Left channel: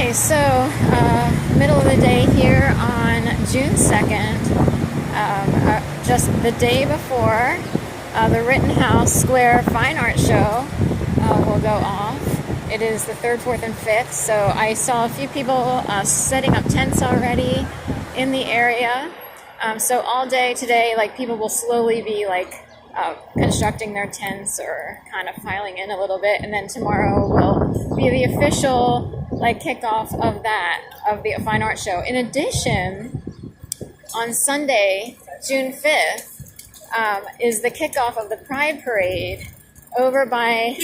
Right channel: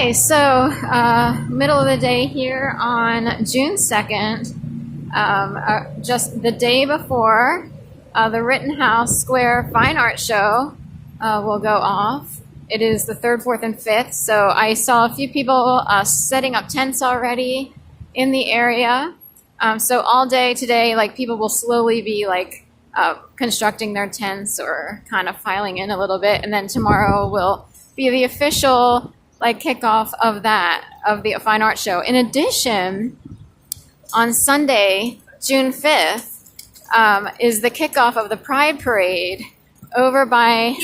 Okay, so middle of the day here on June 2nd, just the day before the Rittenhouse Square Fine Art Show will go off. It is the 3rd, 4th, and 5th, so I saw a few people setting up tents already in the area. So all day today, like, people will slowly be like constructing their tents or kind of filing in a little bit, and then tomorrow will be the official kickoff of the Fine Art Show. In addition, on Sunday, June 5th, is the kickoff of the Pride Parade over by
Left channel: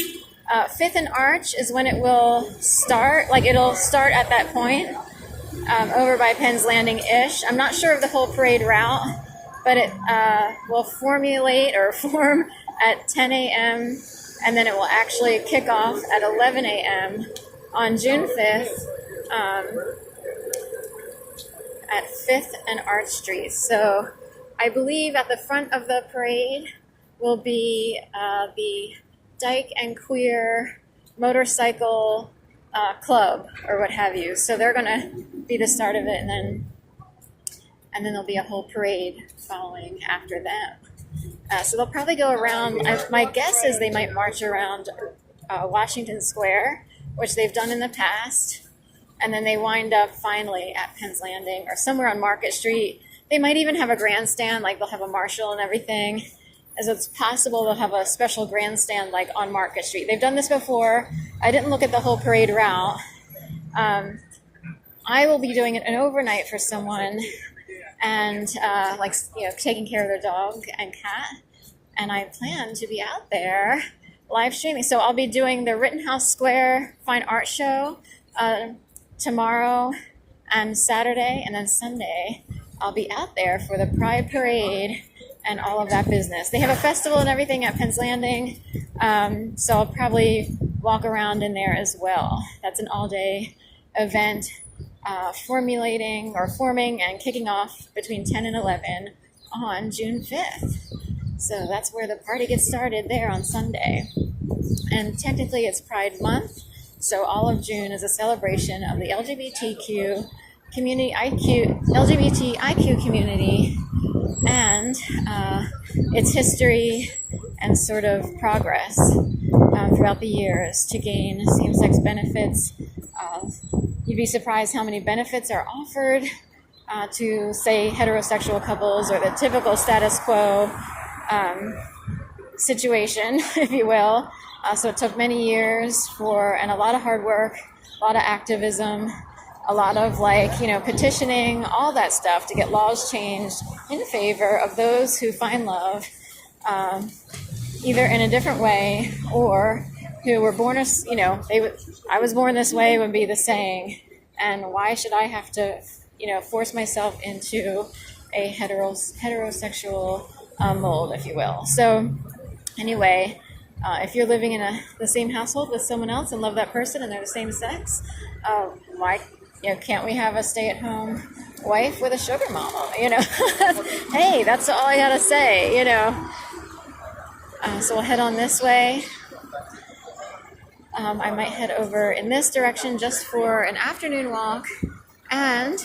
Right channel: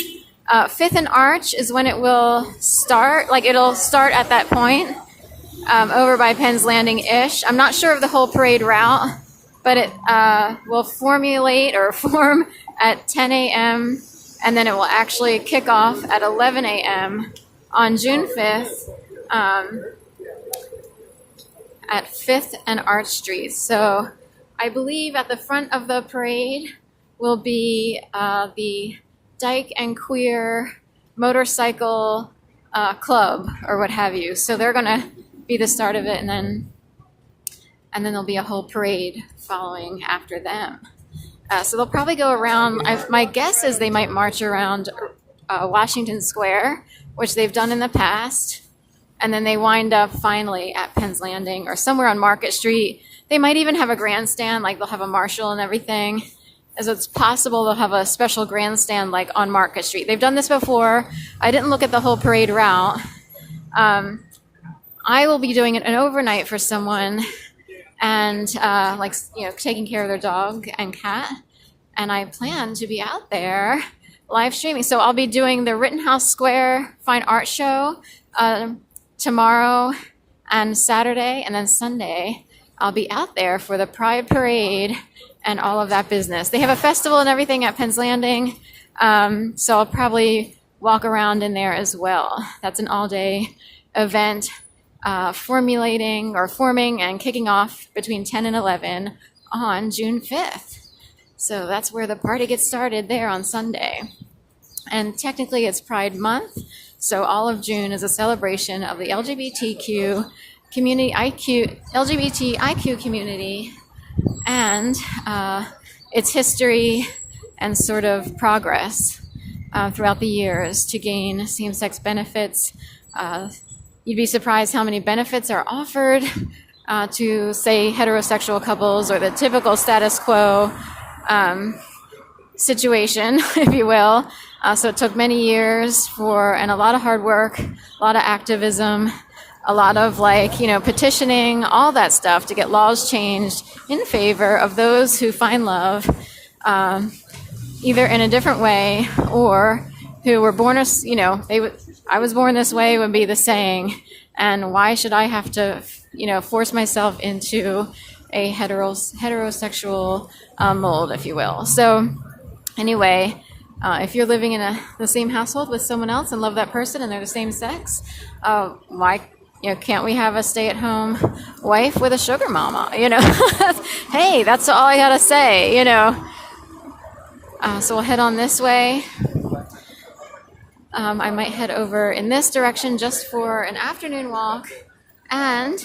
5th and Arch is when it will start. It'll start at that point, over by Penn's Landing-ish. I'm not sure of the whole parade route, but it will form at 10 a.m. and then it will actually kick off at 11 a.m. on June 5th at 5th and Arch Street. So I believe at the front of the parade will be the Dyke and Queer Motorcycle Club or what have you. So they're going to be the start of it, and then there'll be a whole parade following after them. So they'll probably go around. My guess is they might march around Washington Square, which they've done in the past, and then they wind up finally at Penn's Landing or somewhere on Market Street. They might even have a grandstand, they'll have a marshal and everything. So it's possible they'll have a special grandstand on Market Street. They've done this before. I didn't look at the whole parade route. I will be doing an overnight for someone, and taking care of their dog and cat, and I plan to be out there live streaming. So I'll be doing the Rittenhouse Square Fine Art Show tomorrow and Saturday, and then Sunday I'll be out there for the Pride Parade and all of that business. They have a festival and everything at Penn's Landing, so I'll probably walk around in there as well. That's an all-day event, forming and kicking off between 10 and 11 on June 5th. So that's where the party gets started there on Sunday. And technically it's Pride Month, so all of June is a celebration of the LGBTQ community, LGBTIQ community, and its history and sort of progress throughout the years to gain same-sex benefits. You'd be surprised how many benefits are offered to, say, heterosexual couples, or the typical status quo situation, if you will. So it took many years and a lot of hard work, a lot of activism, a lot of petitioning, all that stuff to get laws changed in favor of those who find love either in a different way or who were born as, I was born this way would be the saying, and why should I have to, force myself into a heterosexual mold, if you will. So anyway, if you're living in the same household with someone else and love that person and they're the same sex, why can't we have a stay-at-home wife with a sugar mama? Hey, that's all I gotta say. So we'll head on this way. I might head over in this direction just for an afternoon walk, and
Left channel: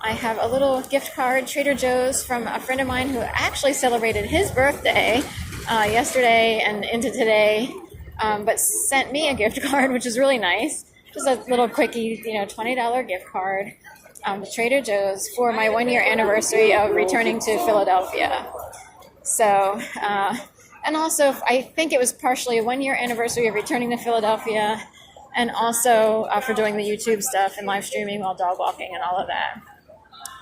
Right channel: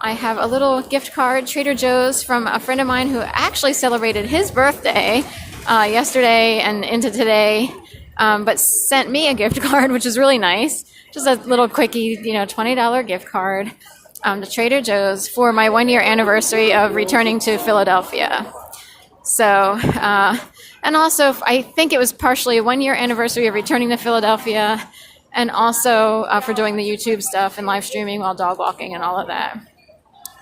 I have a little gift card, Trader Joe's, from a friend of mine who actually celebrated his birthday yesterday and into today, but sent me a gift card, which is really nice. Just a little quickie, $20 gift card to Trader Joe's for my 1-year anniversary of returning to Philadelphia. So, and also I think it was partially a 1-year anniversary of returning to Philadelphia, and also for doing the YouTube stuff and live streaming while dog walking and all of that.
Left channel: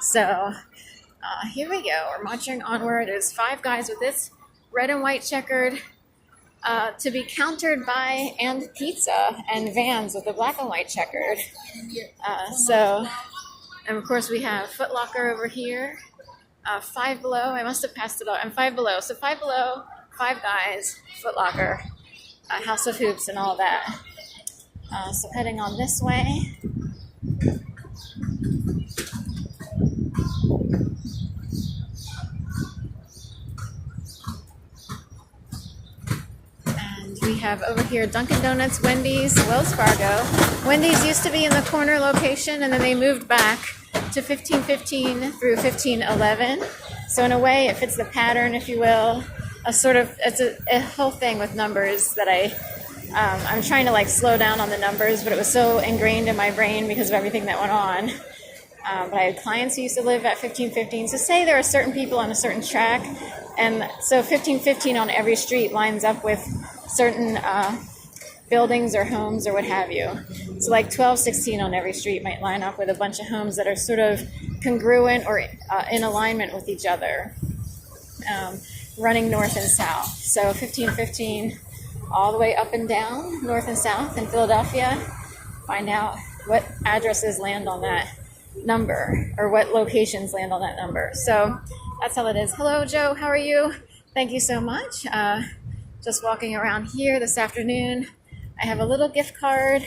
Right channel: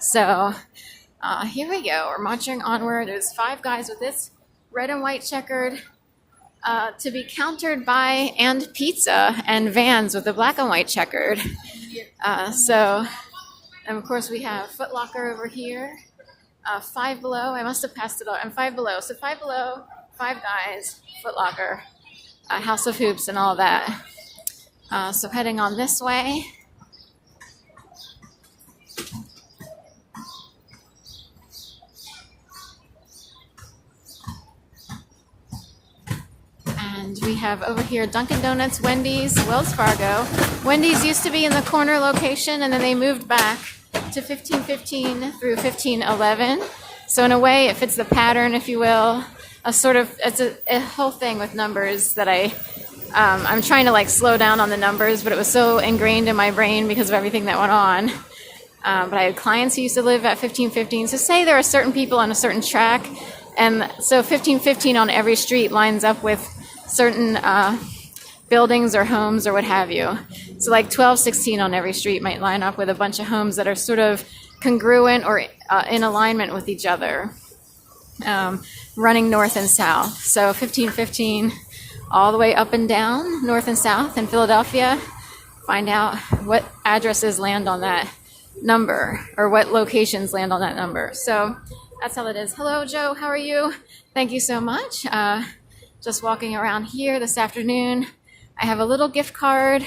So here we go. We're marching onward. There's 5 guys with this red and white checkered, to be countered by and pizza, and vans with the black and white checkered. And of course we have Foot Locker over here. Five Below. I must have passed it out. And Five Below. So Five Below, 5 guys, Foot Locker, House of Hoops, and all that. So heading on this way. And we we have over here Dunkin' Donuts, Wendy's, Wells Fargo. Wendy's used to be in the corner location, and then they moved back to 1515 through 1511. So in a way, it fits the pattern, if you will. It's a whole thing with numbers that I'm trying to like slow down on the numbers, but it was so ingrained in my brain because of everything that went on. But I had clients who used to live at 1515. So say there are certain people on a certain track, and so 1515 on every street lines up with certain buildings or homes or what have you. So like 1216 on every street might line up with a bunch of homes that are sort of congruent or in alignment with each other, running north and south. So 1515 all the way up and down, north and south in Philadelphia. Find out what addresses land on that number or what locations land on that number. So that's how it is. Hello, Joe. How are you? Thank you so much. Just walking around here this afternoon. I have a little gift card,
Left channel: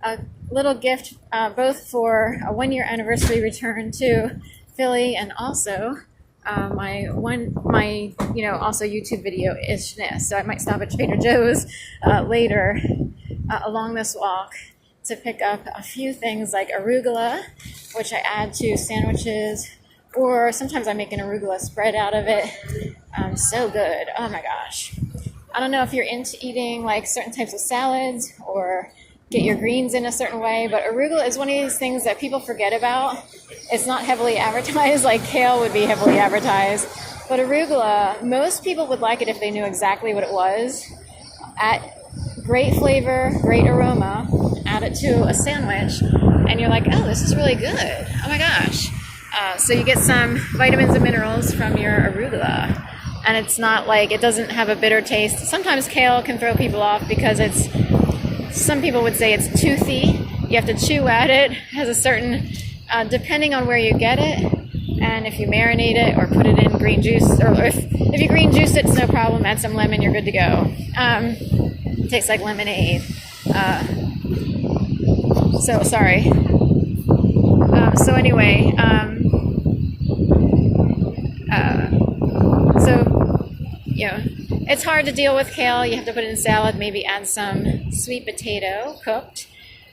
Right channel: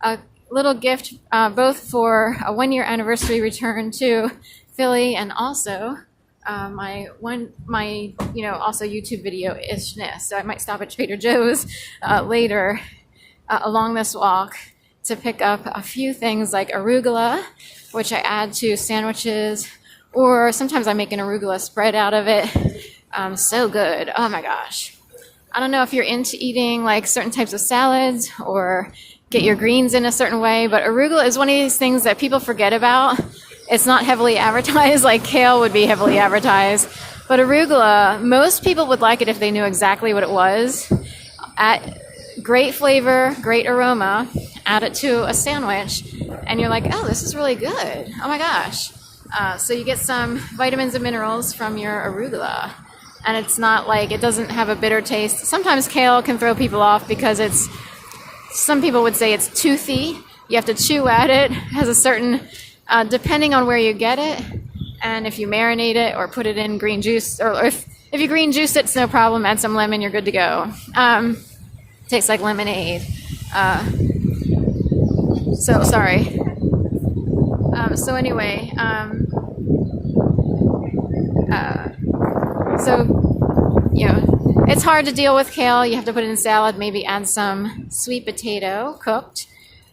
a little gift both for a 1-year anniversary return to Philly and also my also YouTube video-ishness. So I might stop at Trader Joe's later along this walk to pick up a few things like arugula, which I add to sandwiches, or sometimes I make an arugula spread out of it. So good. Oh my gosh. I don't know if you're into eating like certain types of salads or get your greens in a certain way, but arugula is one of these things that people forget about. It's not heavily advertised like kale would be heavily advertised, but arugula, most people would like it if they knew exactly what it was. Great flavor, great aroma, add it to a sandwich, and you're like, oh, this is really good. Oh my gosh. So you get some vitamins and minerals from your arugula. And it's not like, it doesn't have a bitter taste. Sometimes kale can throw people off because some people would say it's toothy. You have to chew at it. It has a certain, depending on where you get it, and if you marinate it or put it in green juice, or if you green juice it, it's no problem. Add some lemon, you're good to go. It tastes like lemonade. Sorry. So anyway, it's hard to deal with kale. You have to put it in salad, maybe add some sweet potato cooked,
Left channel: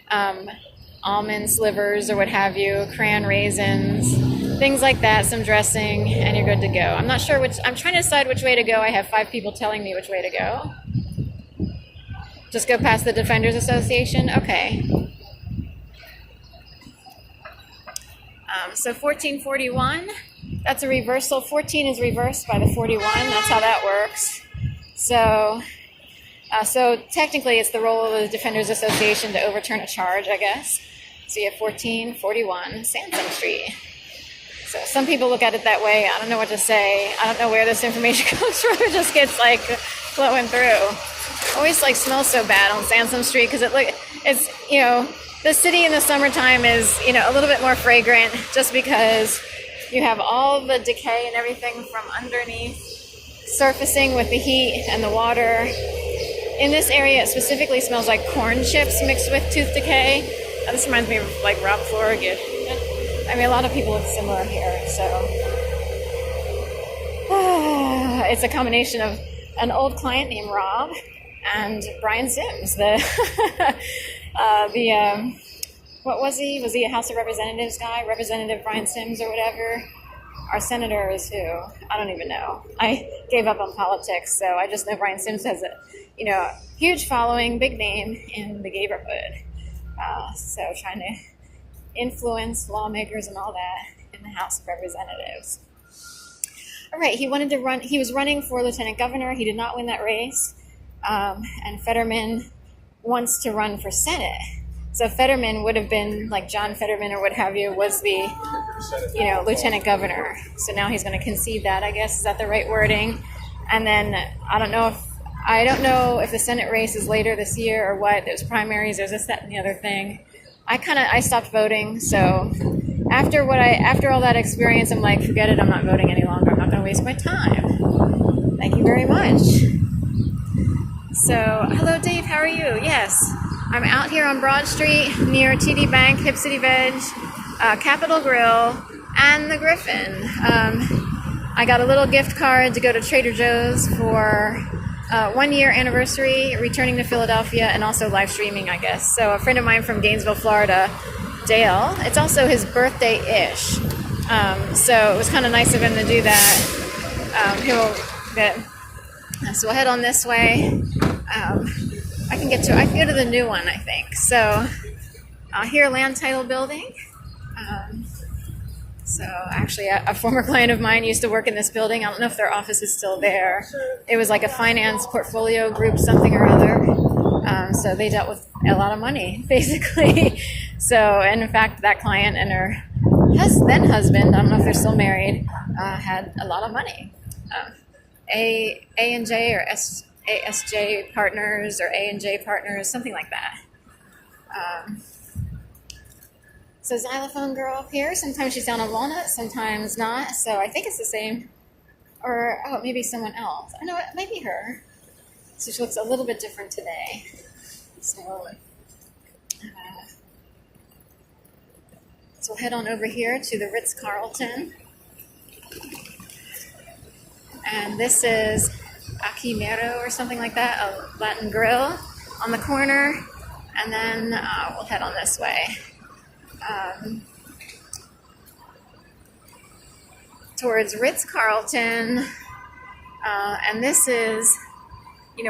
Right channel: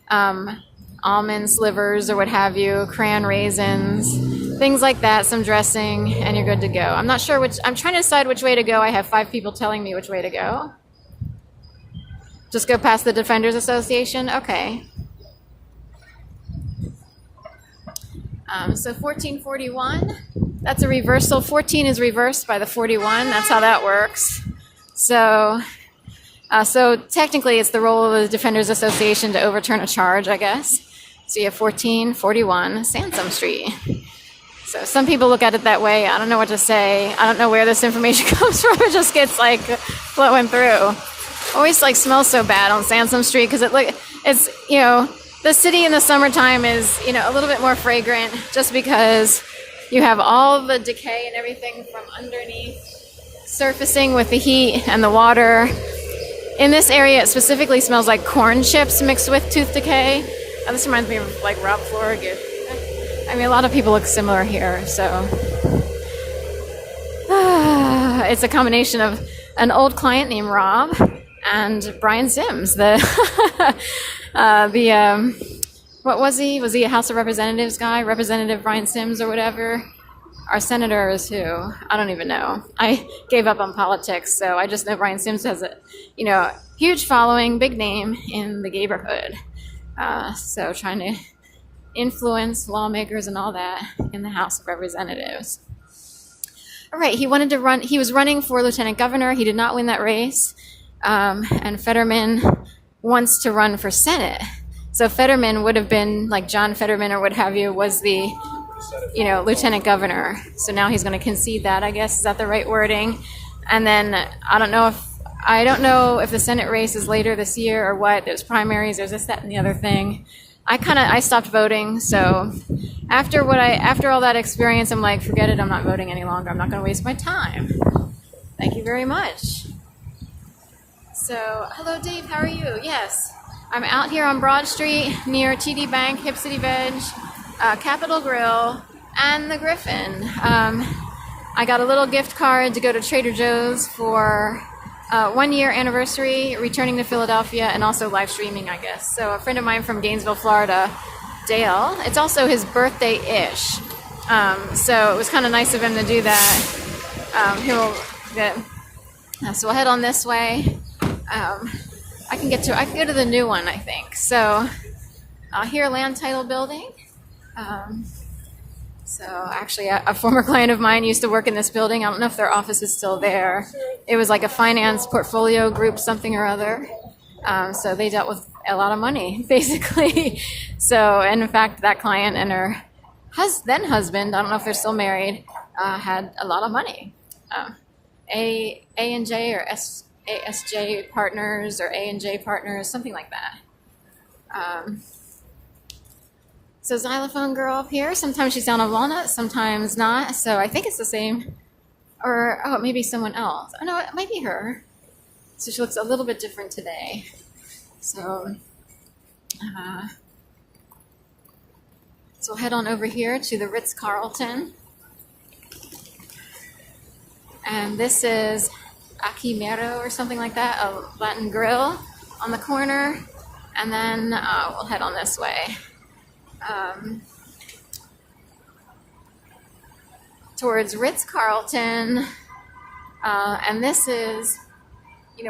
almond slivers or what have you, crayon raisins, things like that, some dressing, and you're good to go. I'm not sure I'm trying to decide which way to go. I have 5 people telling me which way to go. Just go past the Defenders Association? Okay. So 1441, that's a reversal. 14 is reversed by the 41. That's how that works. So technically it's the role of the Defenders Association to overturn a charge, I guess. So you have 1441 Sansom Street. So some people look at it that way. I don't know what to say. I don't know where this information comes from. It just gets like flowing through. Always like smells so bad on Sansom Street because the city in the summertime is, a little bit more fragrant just because you have all the decay and everything from underneath surfacing with the heat and the water. In this area, it specifically smells like corn chips mixed with tooth decay. This reminds me of like Rob Florigate. I mean, a lot of people look similar here, so it's a combination of an old client named Rob and Brian Sims, what was he? Was he a House of Representatives guy? Representative Brian Sims or whatever? Our senator is who? I don't even know. I gave up on politics, so I just know Brian Sims has a, huge following, big name in the neighborhood. So trying to influence lawmakers and all that in the House of Representatives. All right, he was running for lieutenant governor. He did not win that race. And Fetterman wants to run for Senate. So Fetterman would have been like John Fetterman or what have you was the, lieutenant governor. So now he's going to concede that, I guess. Is that the right wording? And then I don't know if the Senate race is later this year or what. There's primaries, there's this, that, and the other thing. I stopped voting. So after all that experience, I'm like, forget it. I'm not voting any longer. I'm not going to waste my time. Thank you very much. So, hello, Dave. How are you? Yes. I'm out here on Broad Street near TD Bank, Hip City Veg, Capitol Grill, and the Griffin. I got a little gift card to go to Trader Joe's for 1 year anniversary, returning to Philadelphia, and also live streaming, I guess. So a friend of mine from Gainesville, Florida, Dale, it's also his birthday-ish. So it was kind of nice of him to do that. So we'll head on this way. I can go to the new one, I think. So here, land title building. So actually, a former client of mine used to work in this building. I don't know if their office is still there. It was like a finance portfolio group, something or other. So they dealt with a lot of money, basically. So, and in fact, that client and her then husband, I don't know if they're still married, had a lot of money. A&J or ASJ partners or A&J partners, something like that. So xylophone girl up here, sometimes she's down on Walnut, sometimes not. So I think it's the same, or it may be someone else. Oh no, it might be her. So she looks a little bit different today. So we'll head on over here to the Ritz-Carlton. And this is Aquimero or something like that, a Latin grill on the corner. And then we'll head on this way. Towards Ritz-Carlton. And this is,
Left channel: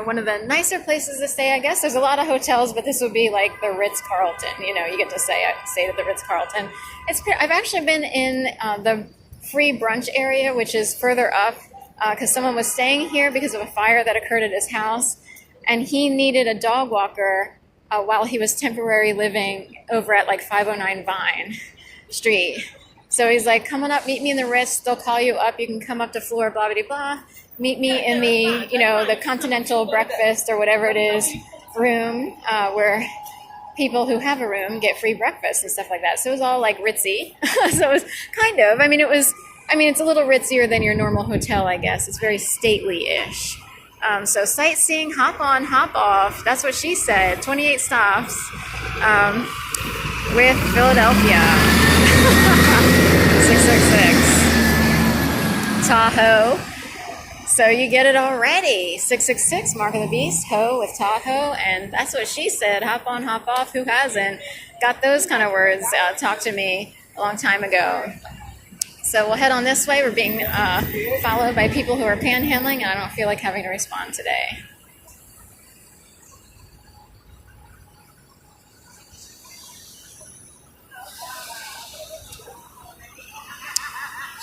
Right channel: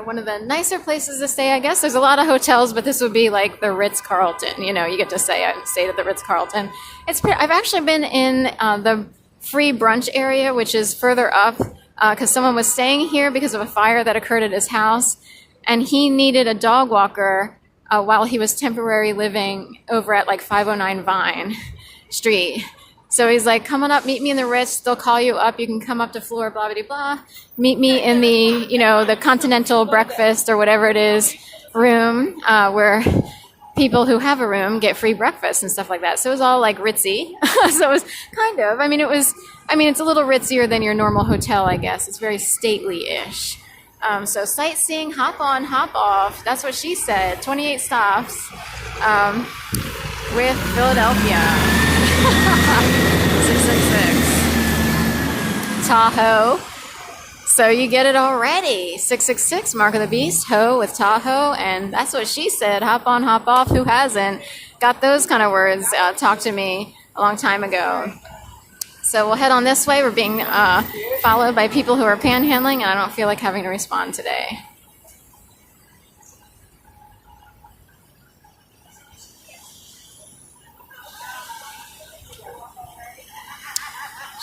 one of the nicer places to stay, I guess. There's a lot of hotels, but this would be like the Ritz-Carlton. You get to stay at the Ritz-Carlton. I've actually been in the free brunch area, which is further up, because someone was staying here because of a fire that occurred at his house, and he needed a dog walker while he was temporarily living over at like 509 Vine Street. So he's like, come on up, meet me in the Ritz. They'll call you up. You can come up to floor, blah, blah, blah. Meet me in the, the continental breakfast or whatever it is room where people who have a room get free breakfast and stuff like that. So it was all like ritzy. So it was kind of, it's a little ritzier than your normal hotel, I guess. It's very stately-ish. So sightseeing, hop on, hop off. That's what she said. 28 stops with Philadelphia. 666. Tahoe. So you get it already. 666, Mark of the Beast, Ho with Tahoe. And that's what she said. Hop on, hop off. Who hasn't got those kind of words talked to me a long time ago? So we'll head on this way. We're being followed by people who are panhandling, and I don't feel like having to respond today.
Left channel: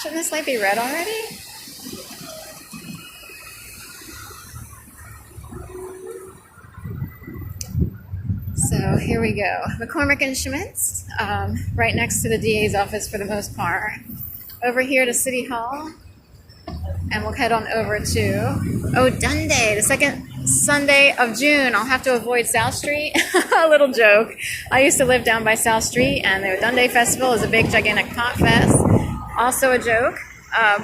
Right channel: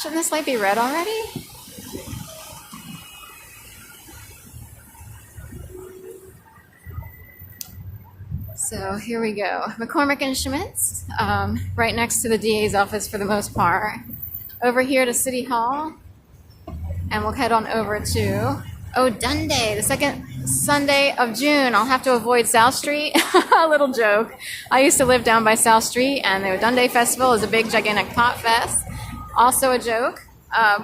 Shouldn't this light be red already? So here we go. McCormick and Schmitz, right next to the DA's office for the most part. Over here to City Hall, and we'll head on over to Dundee, the second Sunday of June. I'll have to avoid South Street. A little joke. I used to live down by South Street, and the Dundee Festival is a big, gigantic pot fest. Also a joke.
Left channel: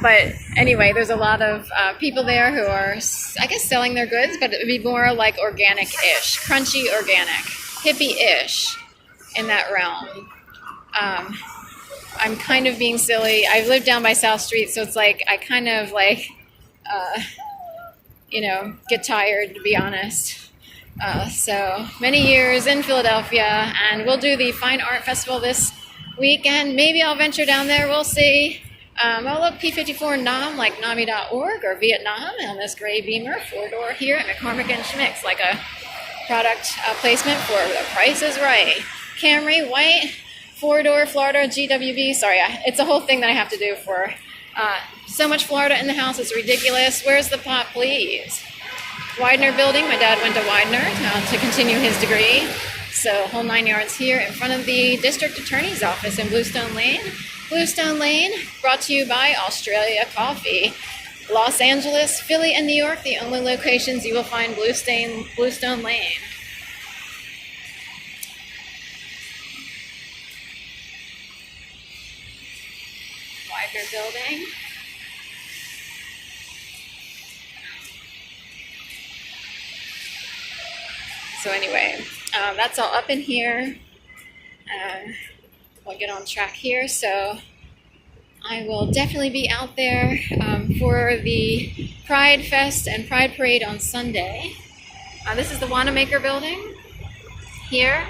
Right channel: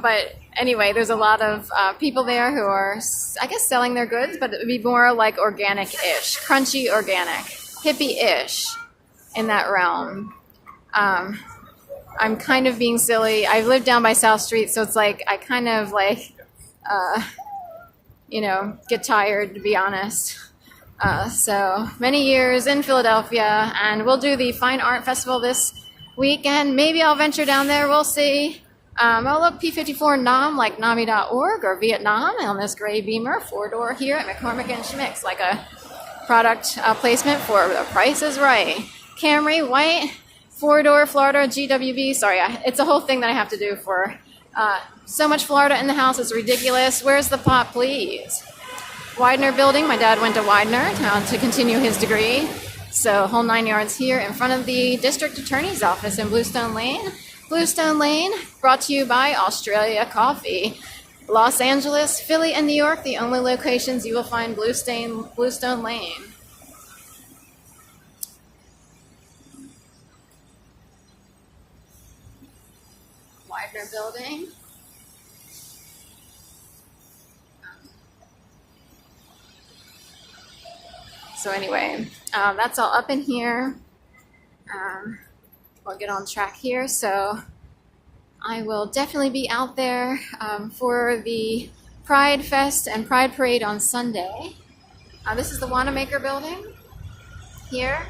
But anyway, there's a lot of people there who are, I guess, selling their goods, but it would be more like organic-ish, crunchy organic, hippie-ish in that realm. I'm kind of being silly. I live down by South Street, so it's like I kind of get tired, to be honest. So many years in Philadelphia, and we'll do the Fine Art Festival this weekend. Maybe I'll venture down there. We'll see. Look, P54 Nam, like NAMI.org or Vietnam on this gray Beamer, 4-door here at McCormick and Schmitz, like a product placement for The Price is Right. Camry, white. 4-door Florida GWB. Sorry, it's a whole thing that I have to do for so much Florida in the house. It's ridiculous. Where's the pot, please? Widener Building. My dad went to Widener to continue his degree. So whole 9 yards here in front of the District Attorney's Office in Bluestone Lane. Bluestone Lane, brought to you by Australia Coffee. Los Angeles, Philly, and New York, the only locations you will find Bluestone Lane. Widener Building. So anyway, that's all up in here. I'll get on track here. So I will definitely be out there for the Pride Fest and Pride Parade on Sunday. This is the Wanamaker building here.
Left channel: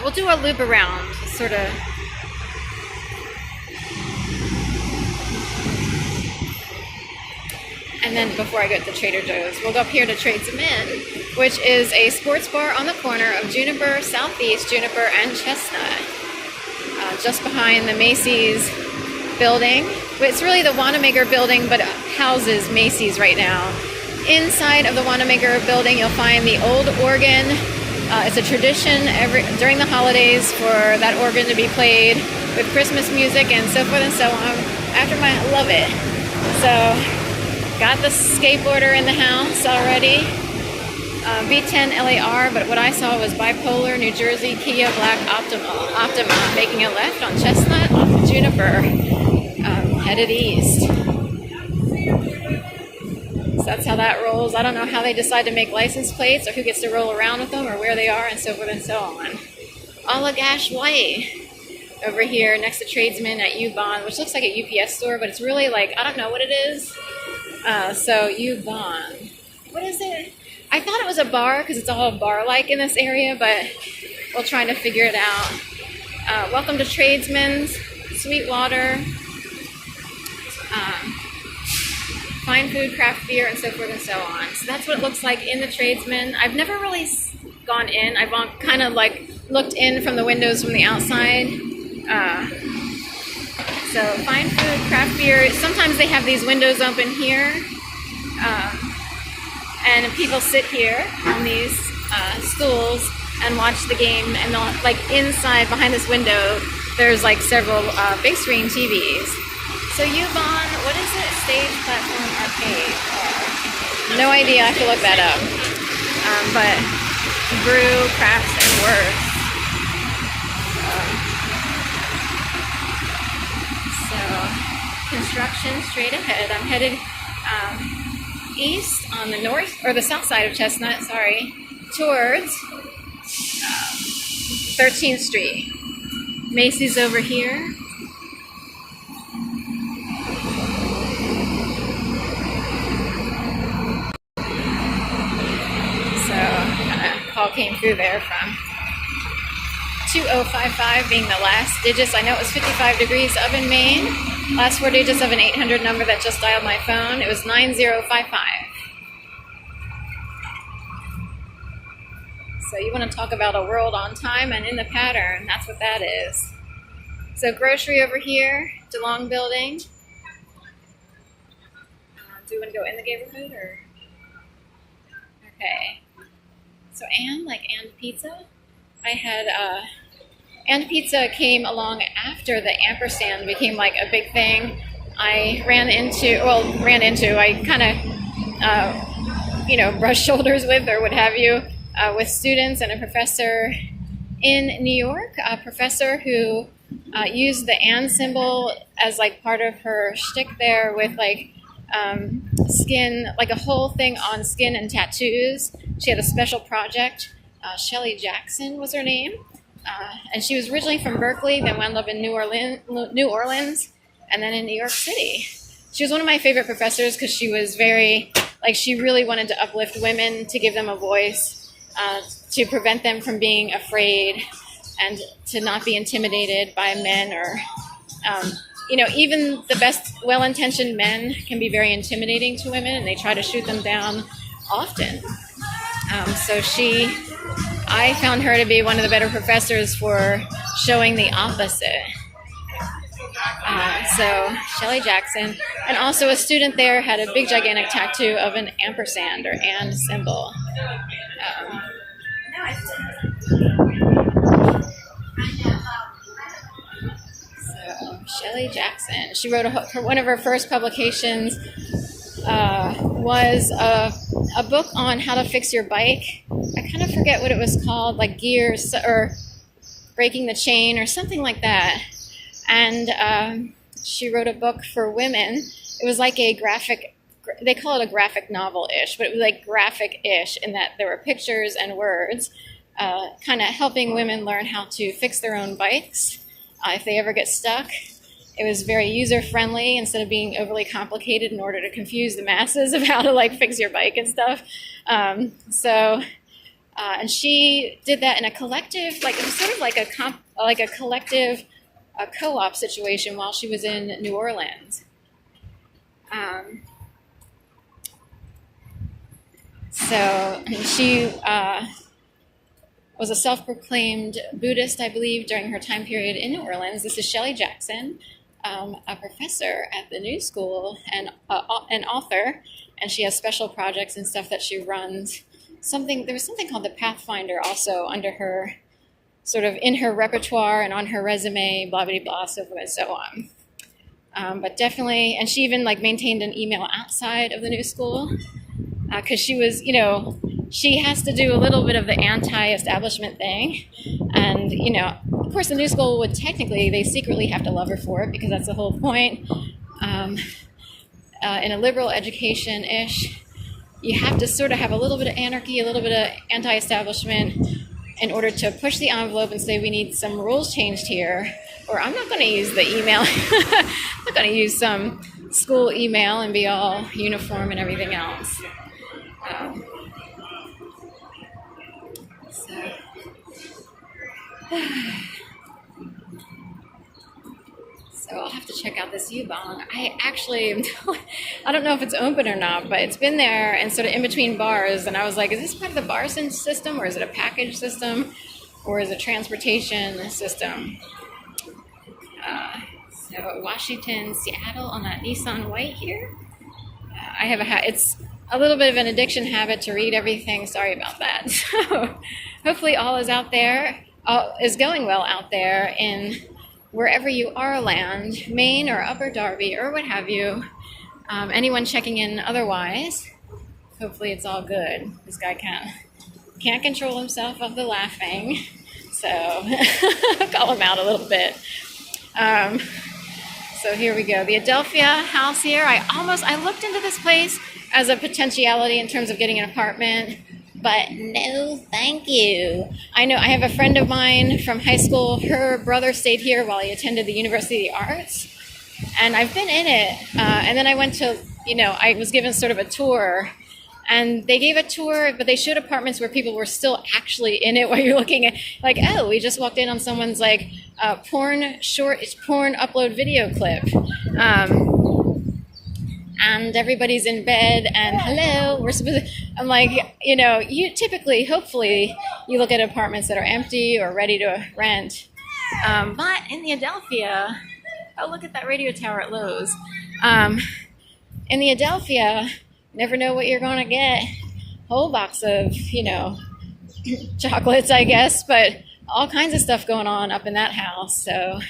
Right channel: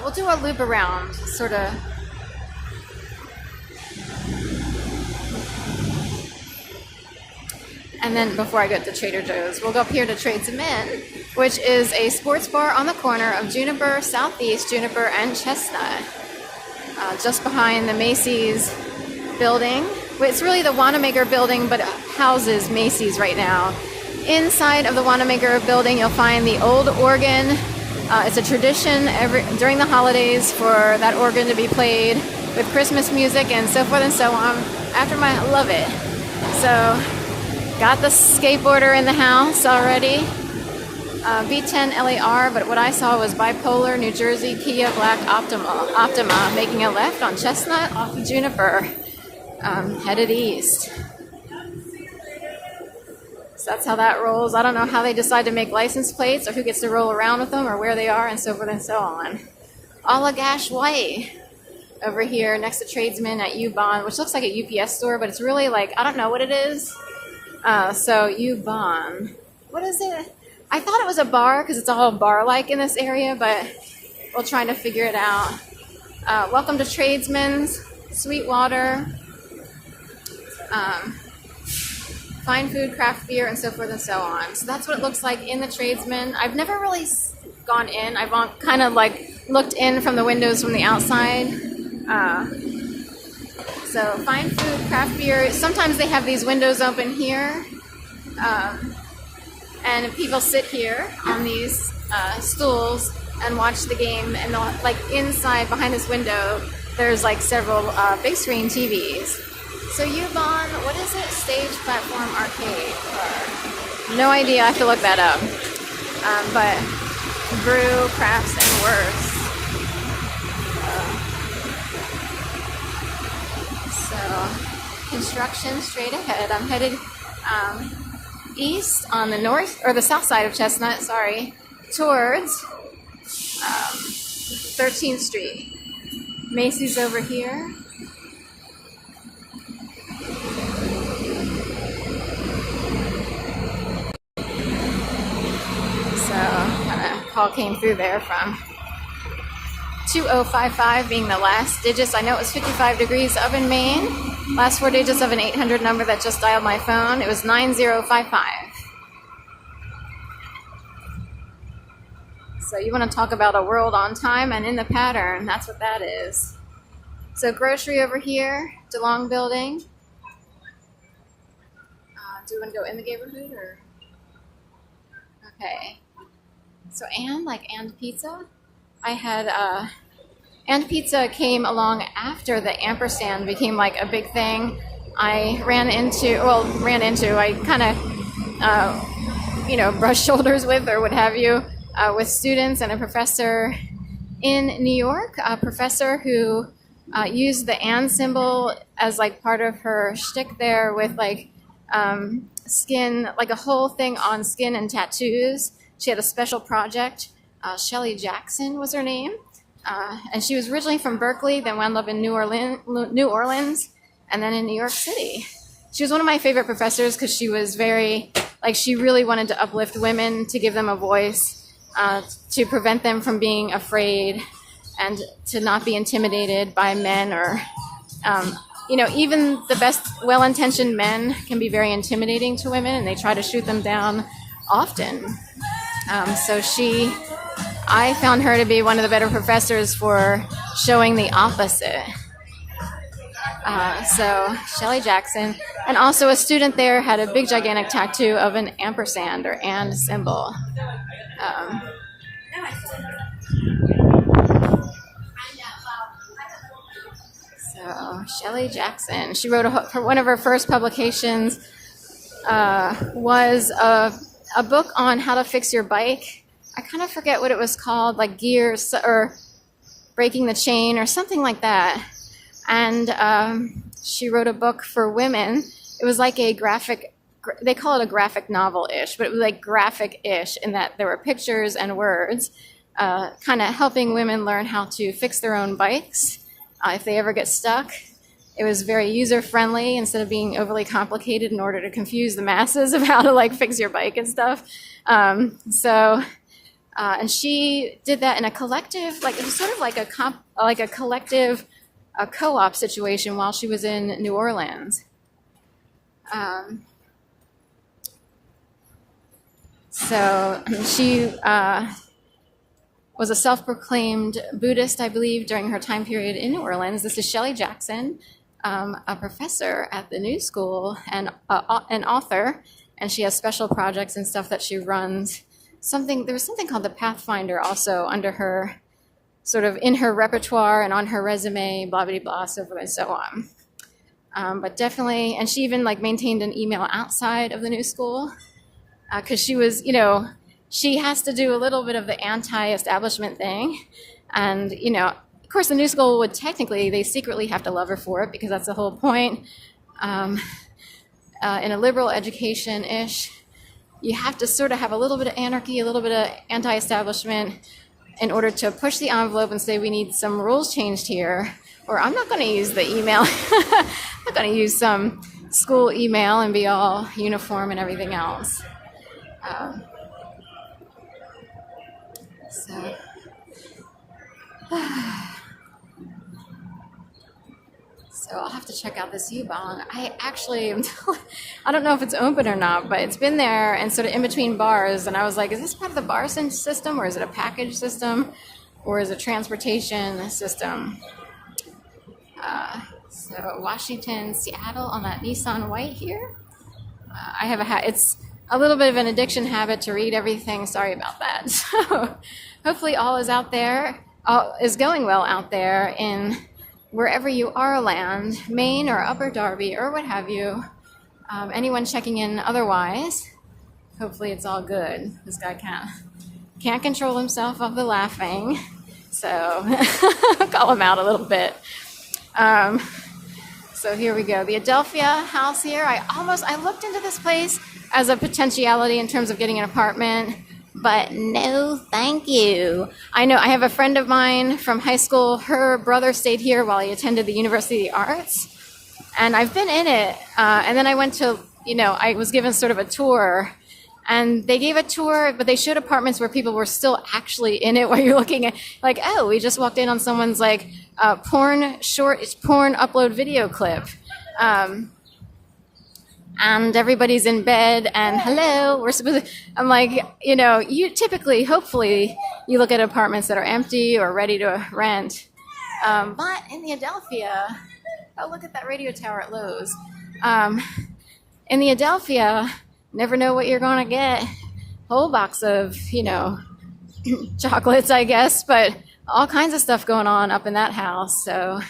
We'll do a loop around, sort of. And then before I go to Trader Joe's, we'll go up here to Tradesmen, which is a sports bar on the corner of Juniper, Southeast Juniper, and Chestnut. Just behind the Macy's building. It's really the Wanamaker building, but it houses Macy's right now. Inside of the Wanamaker building, you'll find the old organ. It's a tradition during the holidays for that organ to be played with Christmas music and so forth and so on. I love it. So, got the skateboarder in the house already. B10 LAR, but what I saw was bipolar New Jersey Kia Black Optima, making a left on Chestnut off of Juniper, headed east. So that's how that rolls. I don't know how they decide to make license plates or who gets to roll around with them or where they are and so forth and so on. Allagash White over here next to Tradesmen at U-Bahn, which looks like a UPS store, but it's really like, I don't know what it is. So U-Bahn. What is it? I thought it was a bar because it's all bar-like in this area, but we'll try to figure it out. Welcome to Tradesmen's, Sweetwater, fine food, craft beer, and so forth and so on. So that's what it looks like in the Tradesmen. I've never really gone in. I've kind of like looked in from the windows from the outside. So fine food, craft beer. Sometimes they have these windows open here. And people sit here on these stools and watch the game. And like inside, behind this window, there's like several big screen TVs. So U-Bahn, what is it? Stage Platform Arcade? No idea. I have to look that up. But brew, crafts, and works. So construction straight ahead. I'm headed east on the north, or the south side of Chestnut, towards 13th Street. Macy's over here. So, a call came through there from 2055 being the last digits. I know it was 55 degrees up in Maine. Last four digits of an 800 number that just dialed my phone. It was 9055. So you want to talk about a world on time and in the pattern. That's what that is. So grocery over here, DeLong building. Do you want to go in the neighborhood or? Okay. So and pizza. I had and pizza came along after the ampersand became like a big thing. I I kind of, brushed shoulders with or what have you with students and a professor in New York, a professor who used the and symbol as like part of her shtick there with like skin, like a whole thing on skin and tattoos. She had a special project. Shelly Jackson was her name. And she was originally from Berkeley, then wound up in New Orleans, and then in New York City. She was one of my favorite professors because she was she really wanted to uplift women, to give them a voice, to prevent them from being afraid, and to not be intimidated by men or, even the best well-intentioned men can be very intimidating to women, and they try to shoot them down often. I found her to be one of the better professors for showing the opposite. So Shelley Jackson, and also a student there had a big gigantic tattoo of an ampersand or and symbol. So Shelley Jackson, she wrote one of her first publications was a book on how to fix your bike. I kind of forget what it was called, like gears or breaking the chain or something like that. And she wrote a book for women. It was like a graphic, they call it a graphic novel-ish, but it was like graphic-ish in that there were pictures and words, kind of helping women learn how to fix their own bikes if they ever get stuck. it was very user-friendly instead of being overly complicated in order to confuse the masses of how to like fix your bike and stuff. And she did that in a collective, like it was sort of like a collective co-op situation while she was in New Orleans. So she was a self-proclaimed Buddhist, I believe, during her time period in New Orleans. This is Shelly Jackson, a professor at the New School and an author, and she has special projects and stuff that she runs. There was something called the Pathfinder also under her, sort of in her repertoire and on her resume, blah, blah, blah, so forth and so on. But definitely, and she even like maintained an email outside of the New School because she was, she has to do a little bit of the anti-establishment thing. And, of course, the New School would they secretly have to love her for it because that's the whole point. In a liberal education-ish, you have to sort of have a little bit of anarchy, a little bit of anti-establishment in order to push the envelope and say we need some rules changed here, or I'm not going to use the email. I'm not going to use some school email and be all uniform and everything else. So I'll have to check out this U-Bong. I don't know if it's open or not, but it's been there and sort of in between bars. And I was like, is this part of the bar system, or is it a package system, or is it a transportation system? So Washington, Seattle on that Nissan White here. I have it's a little bit of an addiction habit to read everything. Sorry about that. So hopefully all is going well out there in wherever you are land, Maine or Upper Darby or what have you. Anyone checking in otherwise, hopefully it's all good. This guy can't control himself of the laughing, so call him out a little bit. So here we go. The Adelphia house here. I looked into this place as a potentiality in terms of getting an apartment, but no, thank you. I know I have a friend of mine from high school. Her brother stayed here while he attended the University of the Arts, and I've been in it. And then I went to, I was given sort of a tour, and they gave a tour, but they showed apartments where people were still actually in it while you're looking at, like, oh, we just walked in on someone's like porn upload video clip. And everybody's in bed, and hello, I'm like, you typically, hopefully, you look at apartments that are empty or ready to rent. But in the Adelphia, oh, look at that radio tower at Lowe's. In the Adelphia, never know what you're going to get. Whole box of, chocolates, I guess, but all kinds of stuff going on up in that house. So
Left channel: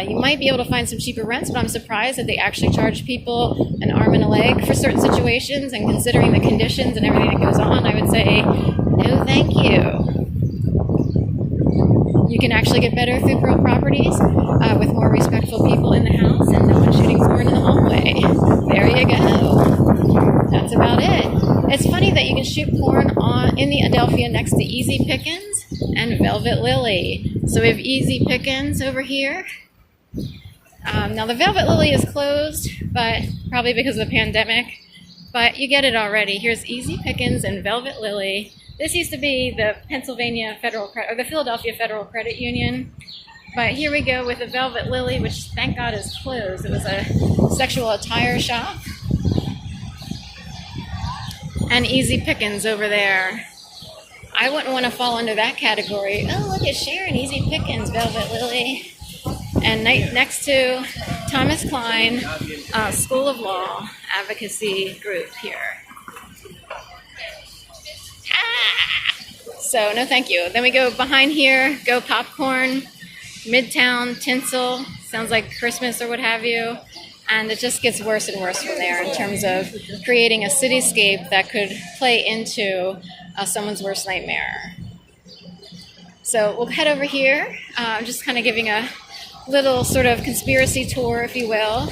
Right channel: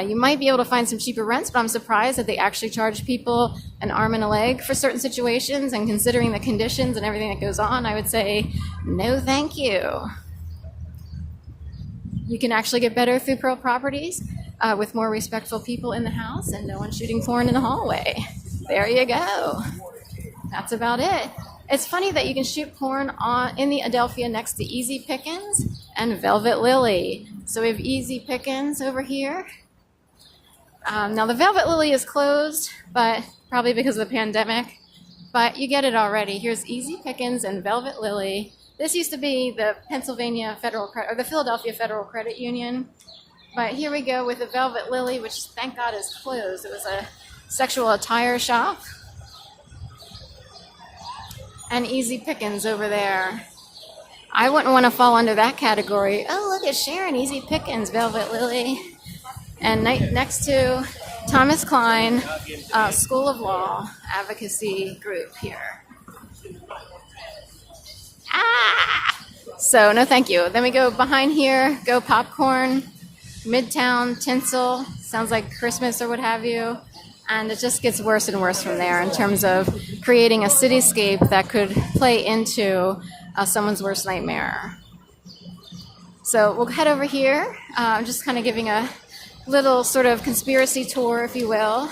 you might be able to find some cheaper rents, but I'm surprised that they actually charge people an arm and a leg for certain situations. And considering the conditions and everything that goes on, I would say, no, thank you. You can actually get better through Pearl Properties with more respectful people in the house and no one shooting porn in the hallway. There you go. That's about it. It's funny that you can shoot porn in the Adelphia next to Easy Pickens and Velvet Lily. So we have Easy Pickens over here. Now the Velvet Lily is closed, but probably because of the pandemic. But you get it already. Here's Easy Pickens and Velvet Lily. This used to be the the Philadelphia Federal Credit Union. But here we go with the Velvet Lily, which thank God is closed. It was a sexual attire shop. And Easy Pickens over there. I wouldn't want to fall under that category. Oh, look at Sharon, Easy Pickens, Velvet Lily. And next to Thomas Klein School of Law Advocacy Group here. So no thank you. Then we go behind here, go popcorn, Midtown, tinsel, sounds like Christmas or what have you. And it just gets worse and worse from there in terms of creating a cityscape that could play into someone's worst nightmare. So we'll head over here. I'm just kind of giving a little sort of conspiracy tour, if you will.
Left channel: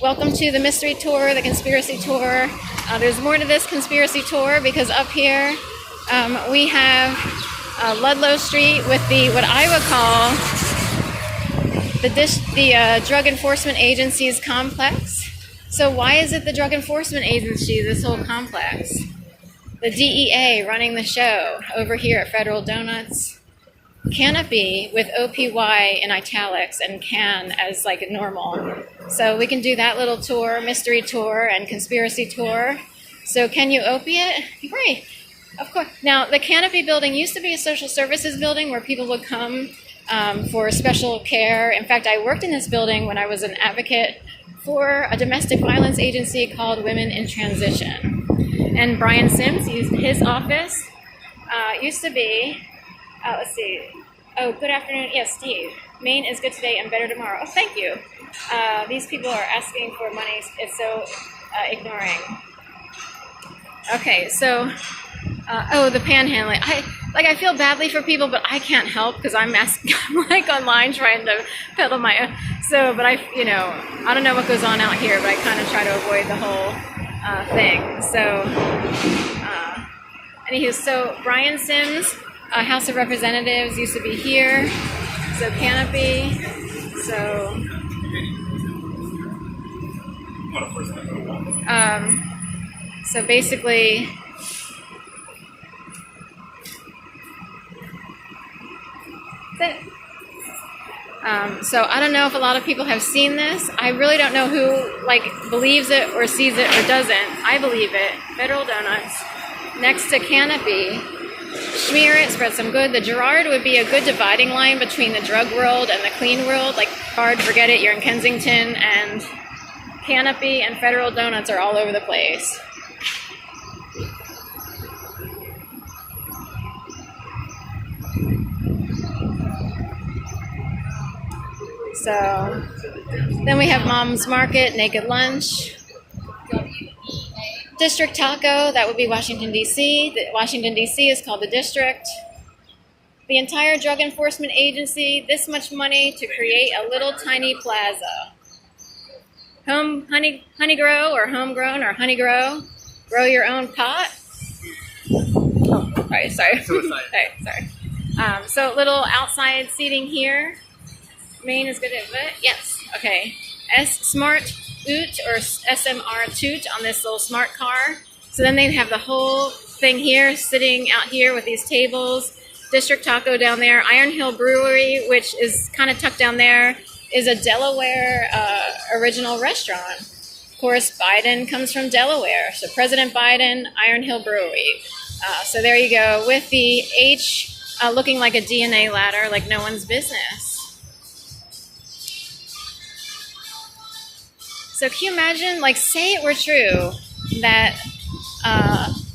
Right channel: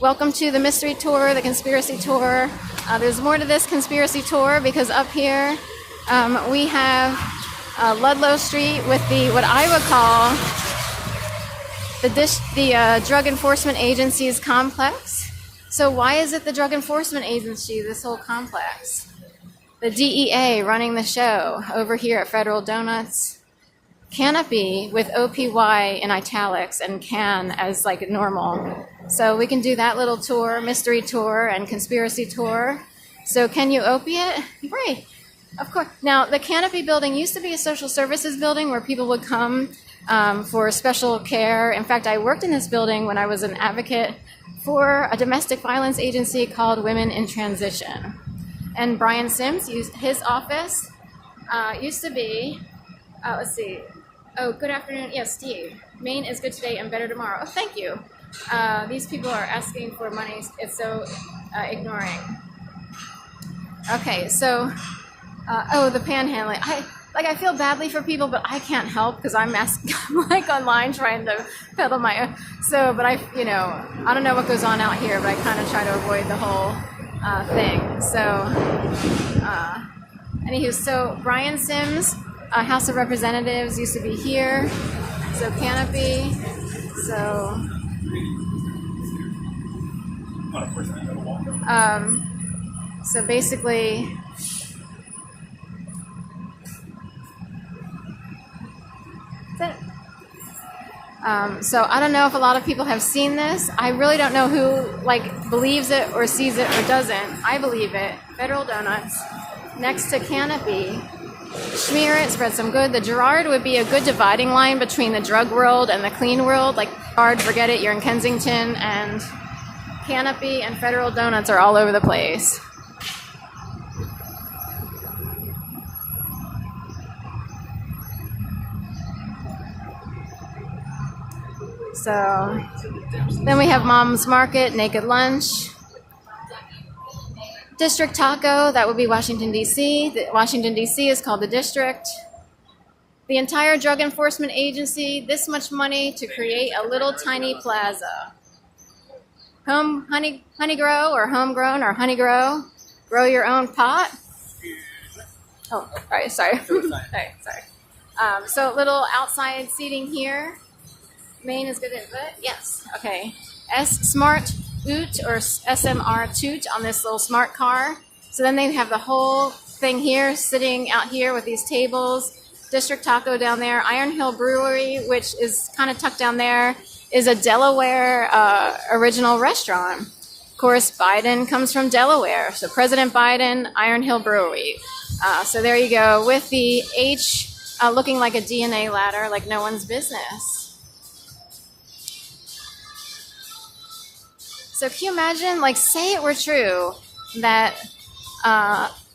Welcome to the mystery tour, the conspiracy tour. There's more to this conspiracy tour because up here we have Ludlow Street with what I would call the Drug Enforcement Agency's complex. So why is it the Drug Enforcement Agency, this whole complex? The DEA running the show over here at Federal Donuts. Canopy with OPY in italics and can as like normal. So we can do that little tour, mystery tour and conspiracy tour. So can you opiate? Right, of course. Now the Canopy building used to be a social services building where people would come for special care. In fact, I worked in this building when I was an advocate for a domestic violence agency called Women in Transition. And Brian Sims used his office, used to be, let's see. Oh, good afternoon. Yes, Steve. Maine is good today and better tomorrow. Oh, thank you. These people are asking for money. It's so ignoring. Okay, so, the panhandling. I feel badly for people, but I can't help because I'm like online trying to peddle my. But I don't know what goes on out here, but I kind of try to avoid the whole thing. So, anywho, so Brian Sims, House of Representatives, used to be here. So Canopy. So basically. So I don't know if a lot of people have seen this. I really don't know who believes it or sees it or doesn't. I believe it. Federal Donuts next to Canopy. Smear it, spread some good. The Girard would be a good dividing line between the drug world and the clean world. Like hard, forget it, you're in Kensington, and Canopy and Federal Donuts are all over the place. So then we have Mom's Market, Naked Lunch, District Taco, that would be Washington, D.C. Washington, D.C. is called the District. The entire Drug Enforcement Agency, this much money to create a little tiny plaza. Honey grow or homegrown or honey grow your own pot. Oh, right, sorry. Right, sorry. So little outside seating here. Maine is good at it. Yes. Okay. Smart Oot or SMR Toot on this little smart car. So then they have the whole thing here, sitting out here with these tables. District Taco down there. Iron Hill Brewery, which is kind of tucked down there, is a Delaware original restaurant. Of course, Biden comes from Delaware. So President Biden, Iron Hill Brewery. So there you go, with the H looking like a DNA ladder, like no one's business. So can you imagine, say it were true that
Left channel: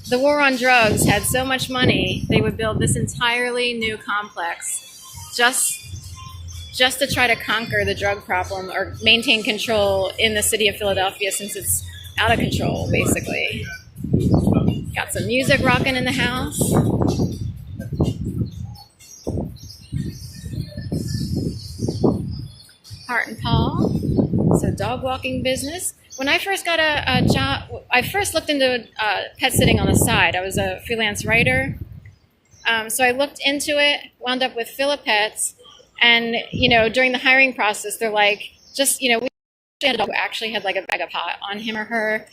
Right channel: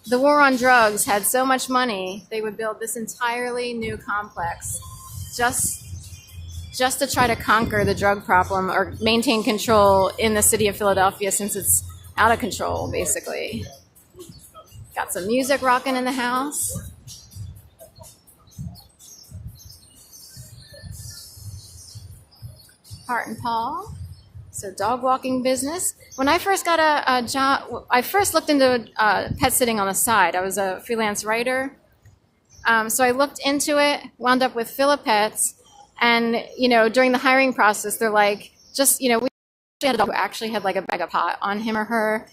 the war on drugs had so much money, they would build this entirely new complex just to try to conquer the drug problem or maintain control in the city of Philadelphia since it's out of control, basically. Got some music rocking in the house. Hart and Paul. So dog walking business. When I first got a job, I first looked into pet sitting on the side. I was a freelance writer. So I looked into it, wound up with Philip Pets. And, during the hiring process, they're like, we had a dog who actually had a bag of pot on him or her,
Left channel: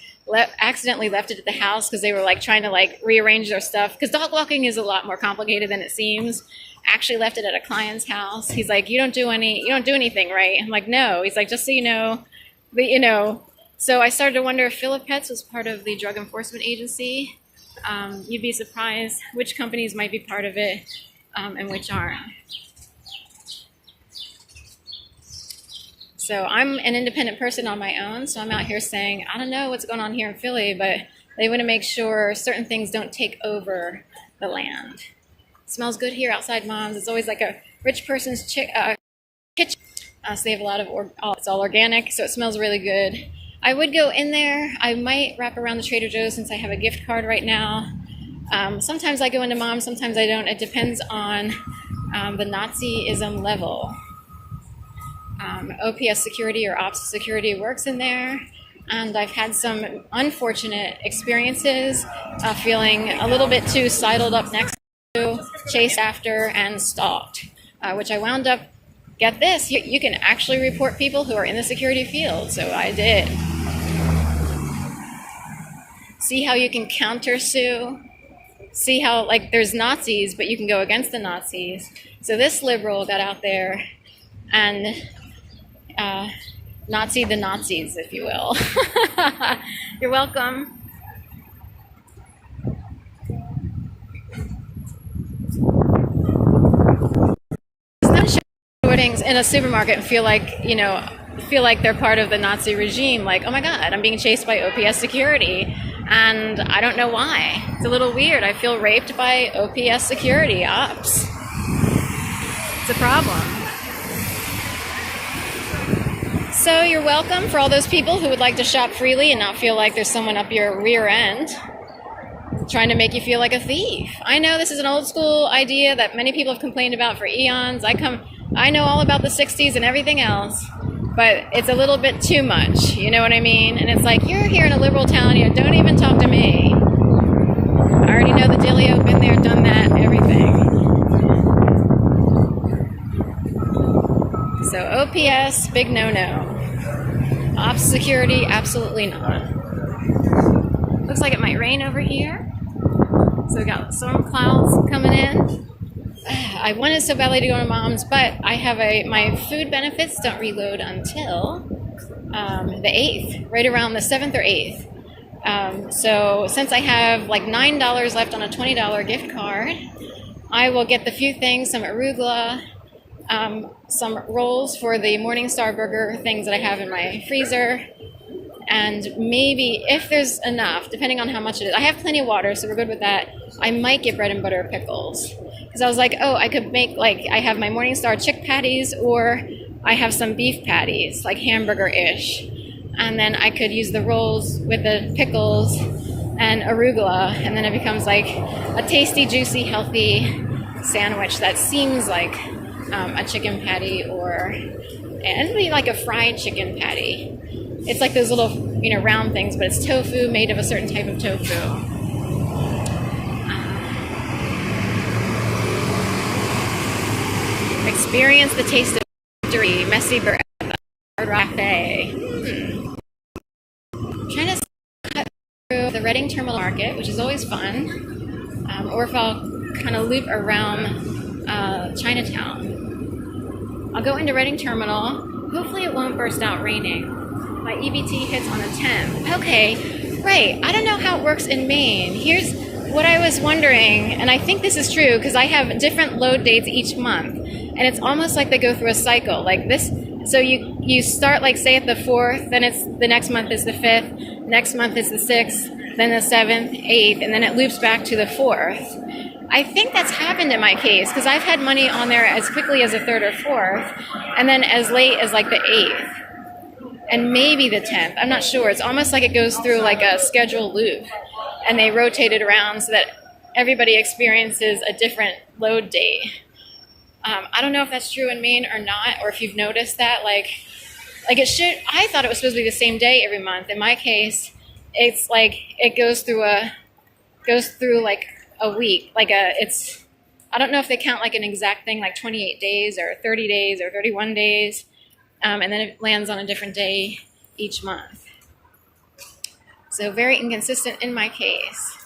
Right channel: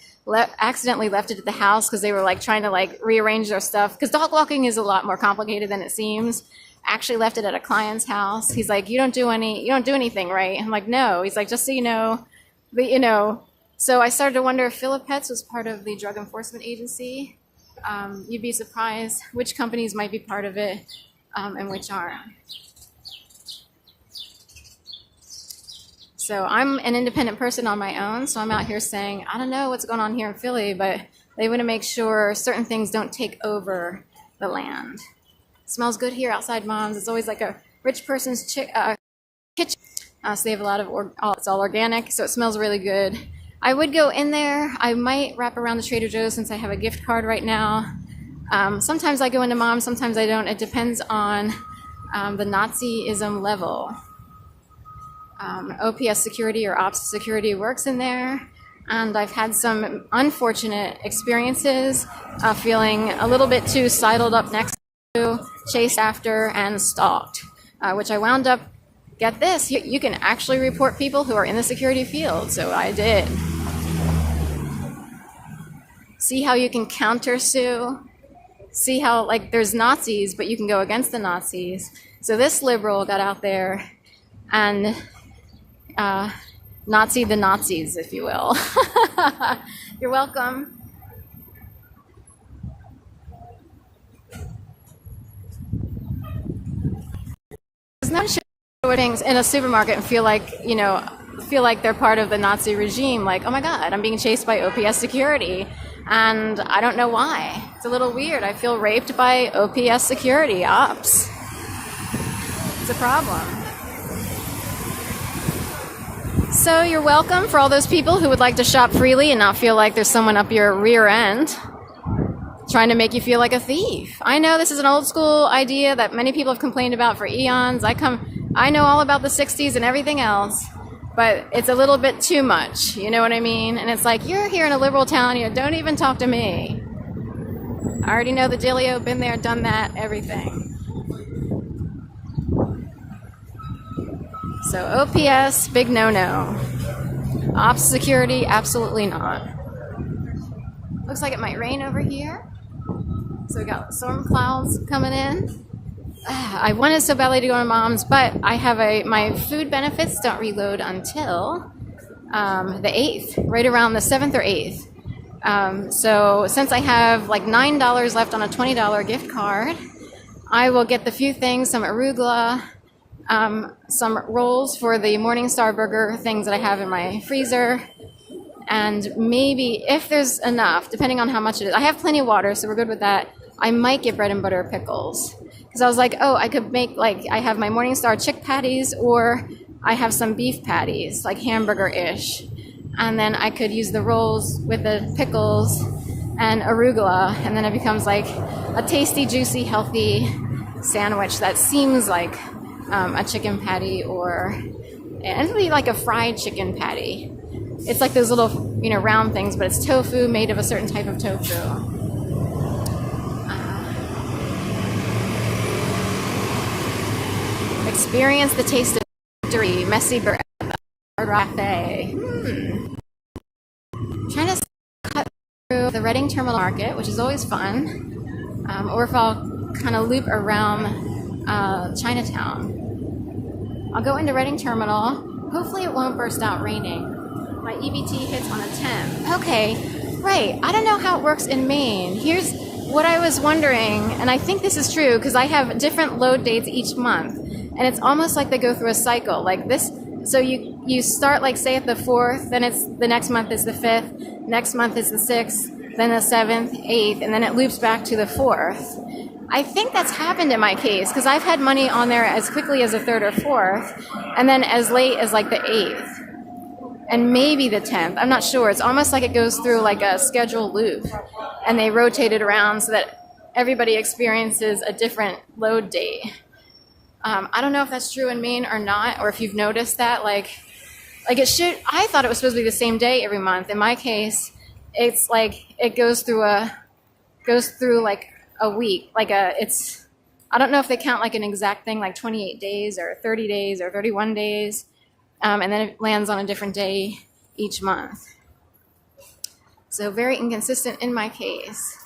accidentally left it at the house because they were trying to rearrange their stuff. Because dog walking is a lot more complicated than it seems. Actually left it at a client's house. He's like, you don't do anything, right? I'm like, no. He's like, just so you know, but so I started to wonder if Philip Pets was part of the Drug Enforcement Agency. You'd be surprised which companies might be part of it and which aren't. So I'm an independent person on my own, so I'm out here saying, I don't know what's going on here in Philly, but they want to make sure certain things don't take over the land. Smells good here outside Mom's. It's always like a rich person's kitchen. So they have a lot of, it's all organic, so it smells really good. I would go in there. I might wrap around the Trader Joe's since I have a gift card right now. Sometimes I go into Mom's, sometimes I don't. It depends on the Nazism level. OPS security or ops security works in there. And I've had some unfortunate experiences feeling a little bit too sidled up next to, chased after, and stalked, which I wound up get this, you can actually report people who are in the security field. So I did. See how you can counter-sue? See how, like, there's Nazis, but you can go against the Nazis. So this liberal got out there and Nazi the Nazis, if you will. You're welcome. It's not sure things in a supermarket and feel like they're part of the Nazi regime. Like, oh my God, I'm being chased by OPS security. And I don't know why. It's a little weird. I feel raped by OPS security ops. It's a problem. So you're welcome for all those people who would like to shop freely and not feel like there's someone up your rear end trying to make you feel like a thief. I know this is an old school idea that many people have complained about for eons. I know all about the 60s and everything else. But it's a little bit too much, you know what I mean? And it's like, you're here in a liberal town, don't even talk to me. I already know the dealio, been there, done that, everything. So OPS, big no-no. Ops security, absolutely not. Looks like it might rain over here. So we got storm clouds coming in. I wanted so badly to go to Mom's, but I have my food benefits don't reload until the 8th, right around the 7th or 8th. So since I have like $9 left on a $20 gift card, I will get the few things, some arugula, some rolls for the Morningstar burger things that I have in my freezer, and maybe if there's enough, depending on how much it is. I have plenty of water, so we're good with that. I might get bread and butter pickles. Because I was like, oh, I could make, like, I have my Morningstar chick patties, or I have some beef patties, like hamburger-ish. And then I could use the rolls with the pickles and arugula, and then it becomes like a tasty, juicy, healthy sandwich that seems like a chicken patty, and it'll be like a fried chicken patty. It's like those little, round things, but it's tofu made of a certain type of tofu. Experience the taste of victory, messy bread, rafe. Trying to cut through the Reading Terminal Market, which is always fun, or if I'll kind of loop around Chinatown. I'll go into Reading Terminal. Hopefully it won't burst out raining. My EBT hits on the 10th. Okay, right. I don't know how it works in Maine. Here's what I was wondering, and I think this is true because I have different load dates each month. And it's almost like they go through a cycle like this. So you start, like, say at the 4th, then it's the next month is the 5th, next month is the 6th, then the 7th, 8th, and then it loops back to the 4th. I think that's happened in my case because I've had money on there as quickly as the 3rd or 4th, and then as late as like the 8th, and maybe the 10th. I'm not sure. It's almost like it goes through like a scheduled loop, and they rotate it around so that everybody experiences a different load date. I don't know if that's true in Maine or not, or if you've noticed that. Like it should. I thought it was supposed to be the same day every month. In my case, it's like it goes through like a week. I don't know if they count like an exact thing, like 28 days or 30 days or 31 days, and then it lands on a different day each month. So very inconsistent in my case.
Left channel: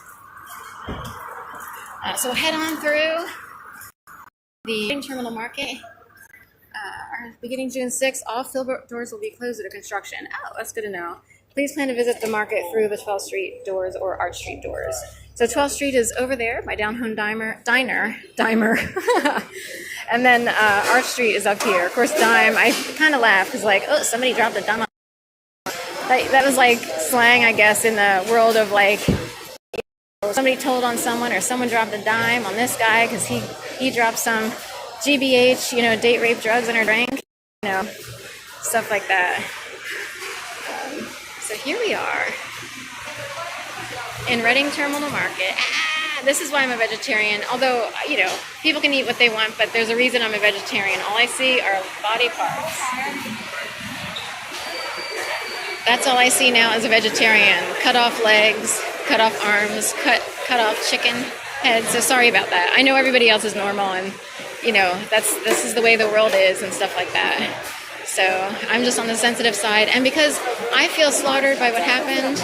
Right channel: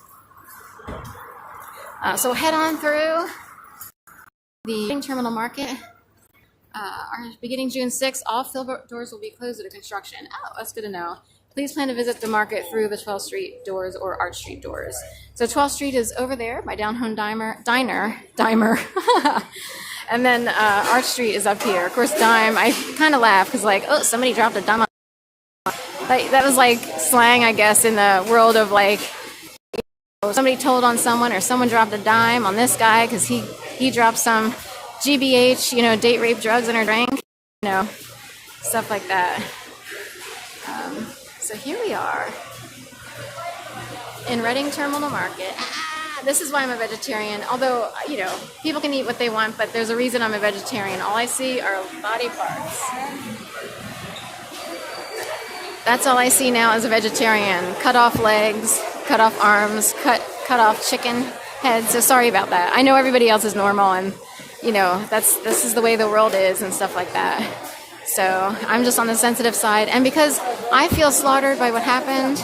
So head on through the Terminal Market. Beginning June 6th, all fill doors will be closed due to construction. Oh, that's good to know. Please plan to visit the market through the 12th Street doors or Arch Street doors. So 12th Street is over there, my down-home diner. And then Arch Street is up here. Of course, dime, I kind of laugh because, like, oh, somebody dropped a dime. That was like slang, I guess, in the world of, like, somebody told on someone, or someone dropped a dime on this guy because he dropped some GBH, date rape drugs in her drink, stuff like that. So here we are in Reading Terminal Market. This is why I'm a vegetarian. Although, people can eat what they want, but there's a reason I'm a vegetarian. All I see are body parts. That's all I see now as a vegetarian. Cut off legs, cut off arms, cut off chicken heads. So sorry about that. I know everybody else is normal and this is the way the world is and stuff like that. So I'm just on the sensitive side. And because I feel slaughtered by what happened,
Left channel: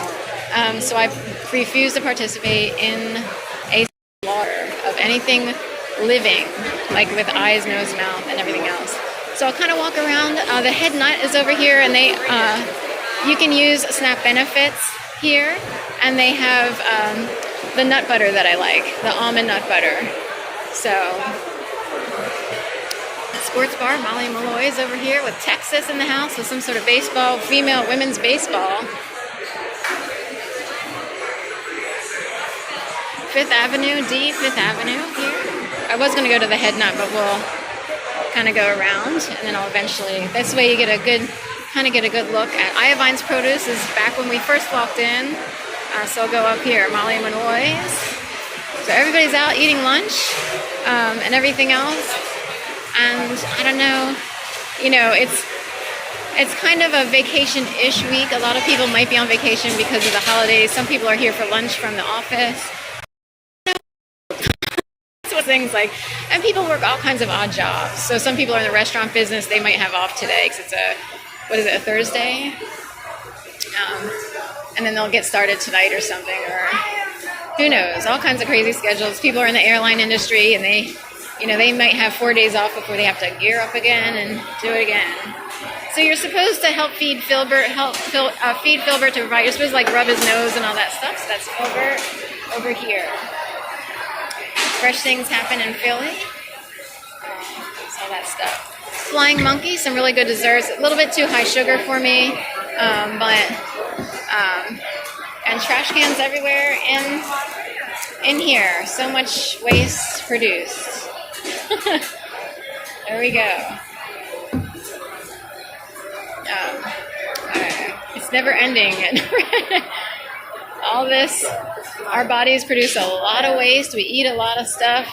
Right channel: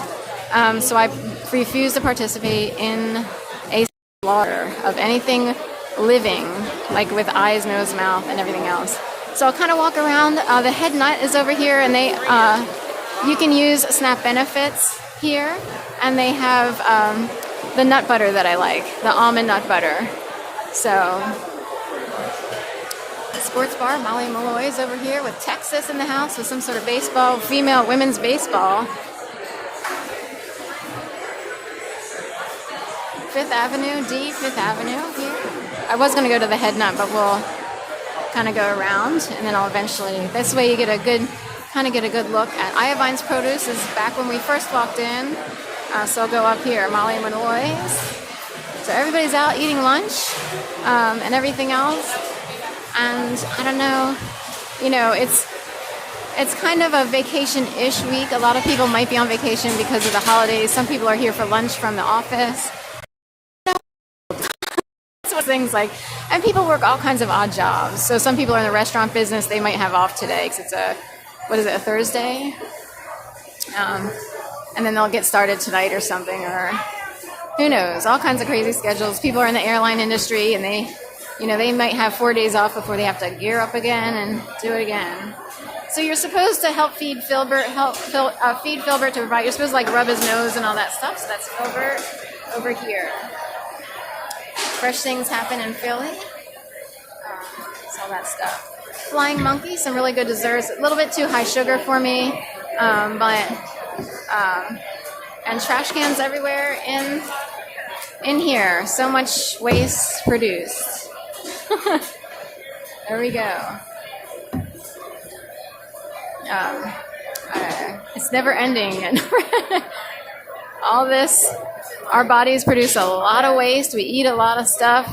so I refuse to participate in a slaughter of anything living, like with eyes, nose, mouth, and everything else. So I'll kind of walk around. The head nut is over here, and you can use SNAP benefits here, and they have the nut butter that I like, the almond nut butter. So, sports bar, Molly Malloy's over here with Texas in the house with some sort of baseball, women's baseball. Fifth Avenue here. I was going to go to the head nut, but we'll kind of go around, and then I'll eventually, this way you get a good look at Iovine's Produce is back when we first walked in. So I'll go up here, Molly Malloy's. So everybody's out eating lunch and everything else. And I don't know, it's kind of a vacation-ish week. A lot of people might be on vacation because of the holidays. Some people are here for lunch from the office. Things like, and people work all kinds of odd jobs. So some people are in the restaurant business. They might have off today because it's a Thursday? And then they'll get started tonight or something, or who knows, all kinds of crazy schedules. People are in the airline industry, and they might have 4 days off before they have to gear up again and do it again. So you're supposed to help feed Filbert, feed Filbert to provide. You're supposed to rub his nose and all that stuff. So that's Filbert over here. Fresh things happen in Philly. It's all that stuff. Flying Monkey, some really good desserts. A little bit too high sugar for me, and trash cans everywhere in here. So much waste produced. There we go. It's never ending. All this, our bodies produce a lot of waste. We eat a lot of stuff.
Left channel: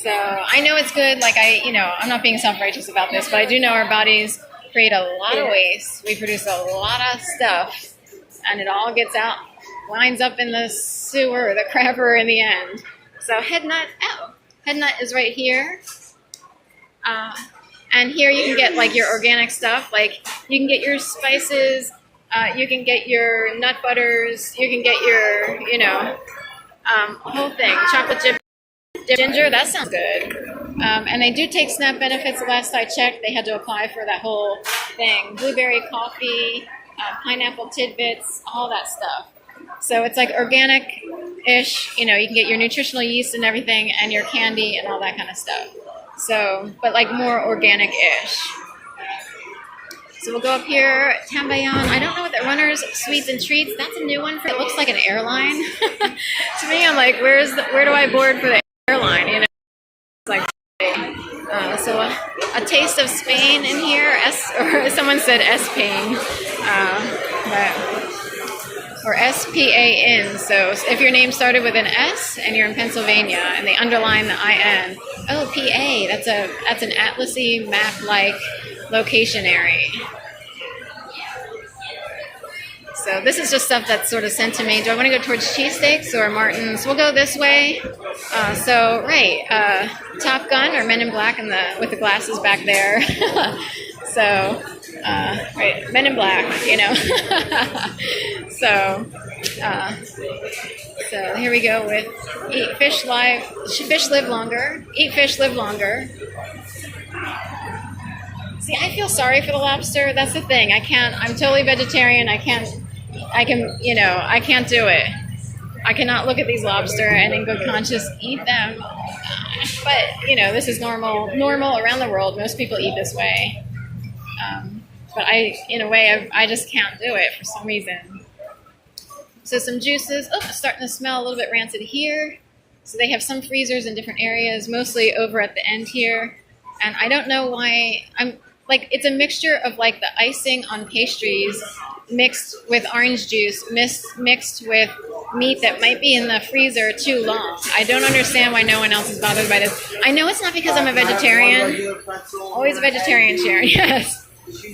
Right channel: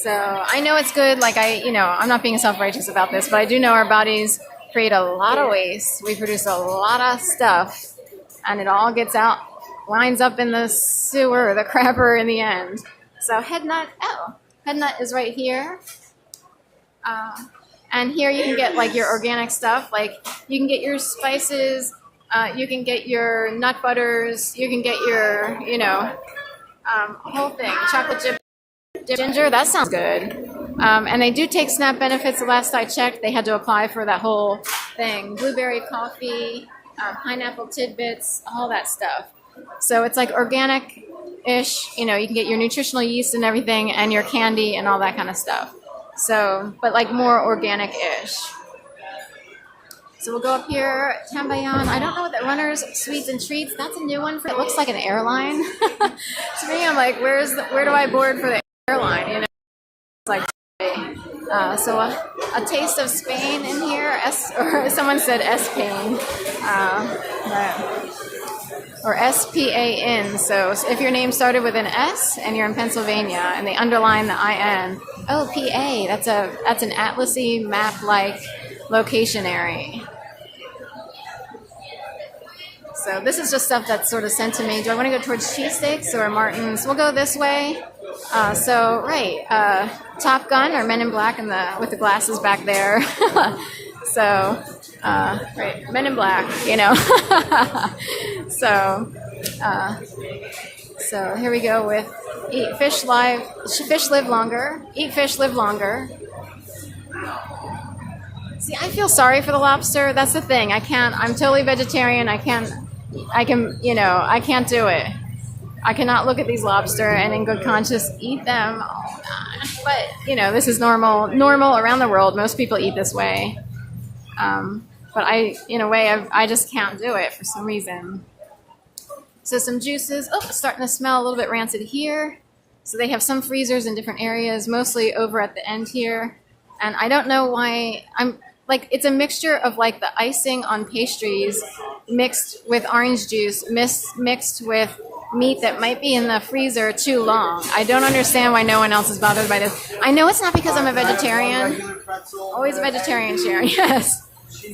So I know it's good. I'm not being self-righteous about this, but I do know our bodies create a lot of waste. We produce a lot of stuff, and it all gets out, winds up in the sewer, the crapper in the end. So head nut is right here. And here you can get your organic stuff. You can get your spices. You can get your nut butters. You can get your, whole thing. Chocolate chip ginger. That sounds good. And they do take SNAP benefits. The last I checked, they had to apply for that whole thing. Blueberry coffee, pineapple tidbits, all that stuff. So it's organic-ish. You can get your nutritional yeast and everything, and your candy and all that kind of stuff. So, but more organic-ish. So we'll go up here, Tambayan. I don't know what that Runners Sweets and Treats. That's a new one. It looks like an airline. To me, I'm like, where do I board for the airline? It's so a taste of Spain in here. Or someone said S-Pain, or S-P-A-N. So if your name started with an S and you're in Pennsylvania and they underline the I-N, oh, P-A. That's an atlasy map-like location area. So this is just stuff that's sort of sent to me. Do I want to go towards cheesesteaks or Martin's? We'll go this way. Top Gun or Men in Black with the glasses back there. Men in Black, So here we go with Eat Fish Live Longer. Eat Fish Live Longer. See, I feel sorry for the lobster. That's the thing. I'm totally vegetarian. I can't do it. I cannot look at these lobster and in good conscience eat them. Oh, gosh. But, this is normal around the world. Most people eat this way. But I just can't do it for some reason. So some juices. Oh, it's starting to smell a little bit rancid here. So they have some freezers in different areas, mostly over at the end here. And I don't know why it's a mixture of the icing on pastries mixed with orange juice, mixed with meat that might be in the freezer too long. I don't understand why no one else is bothered by this. I know it's not because I'm a vegetarian. Always a vegetarian, Sharon, yes.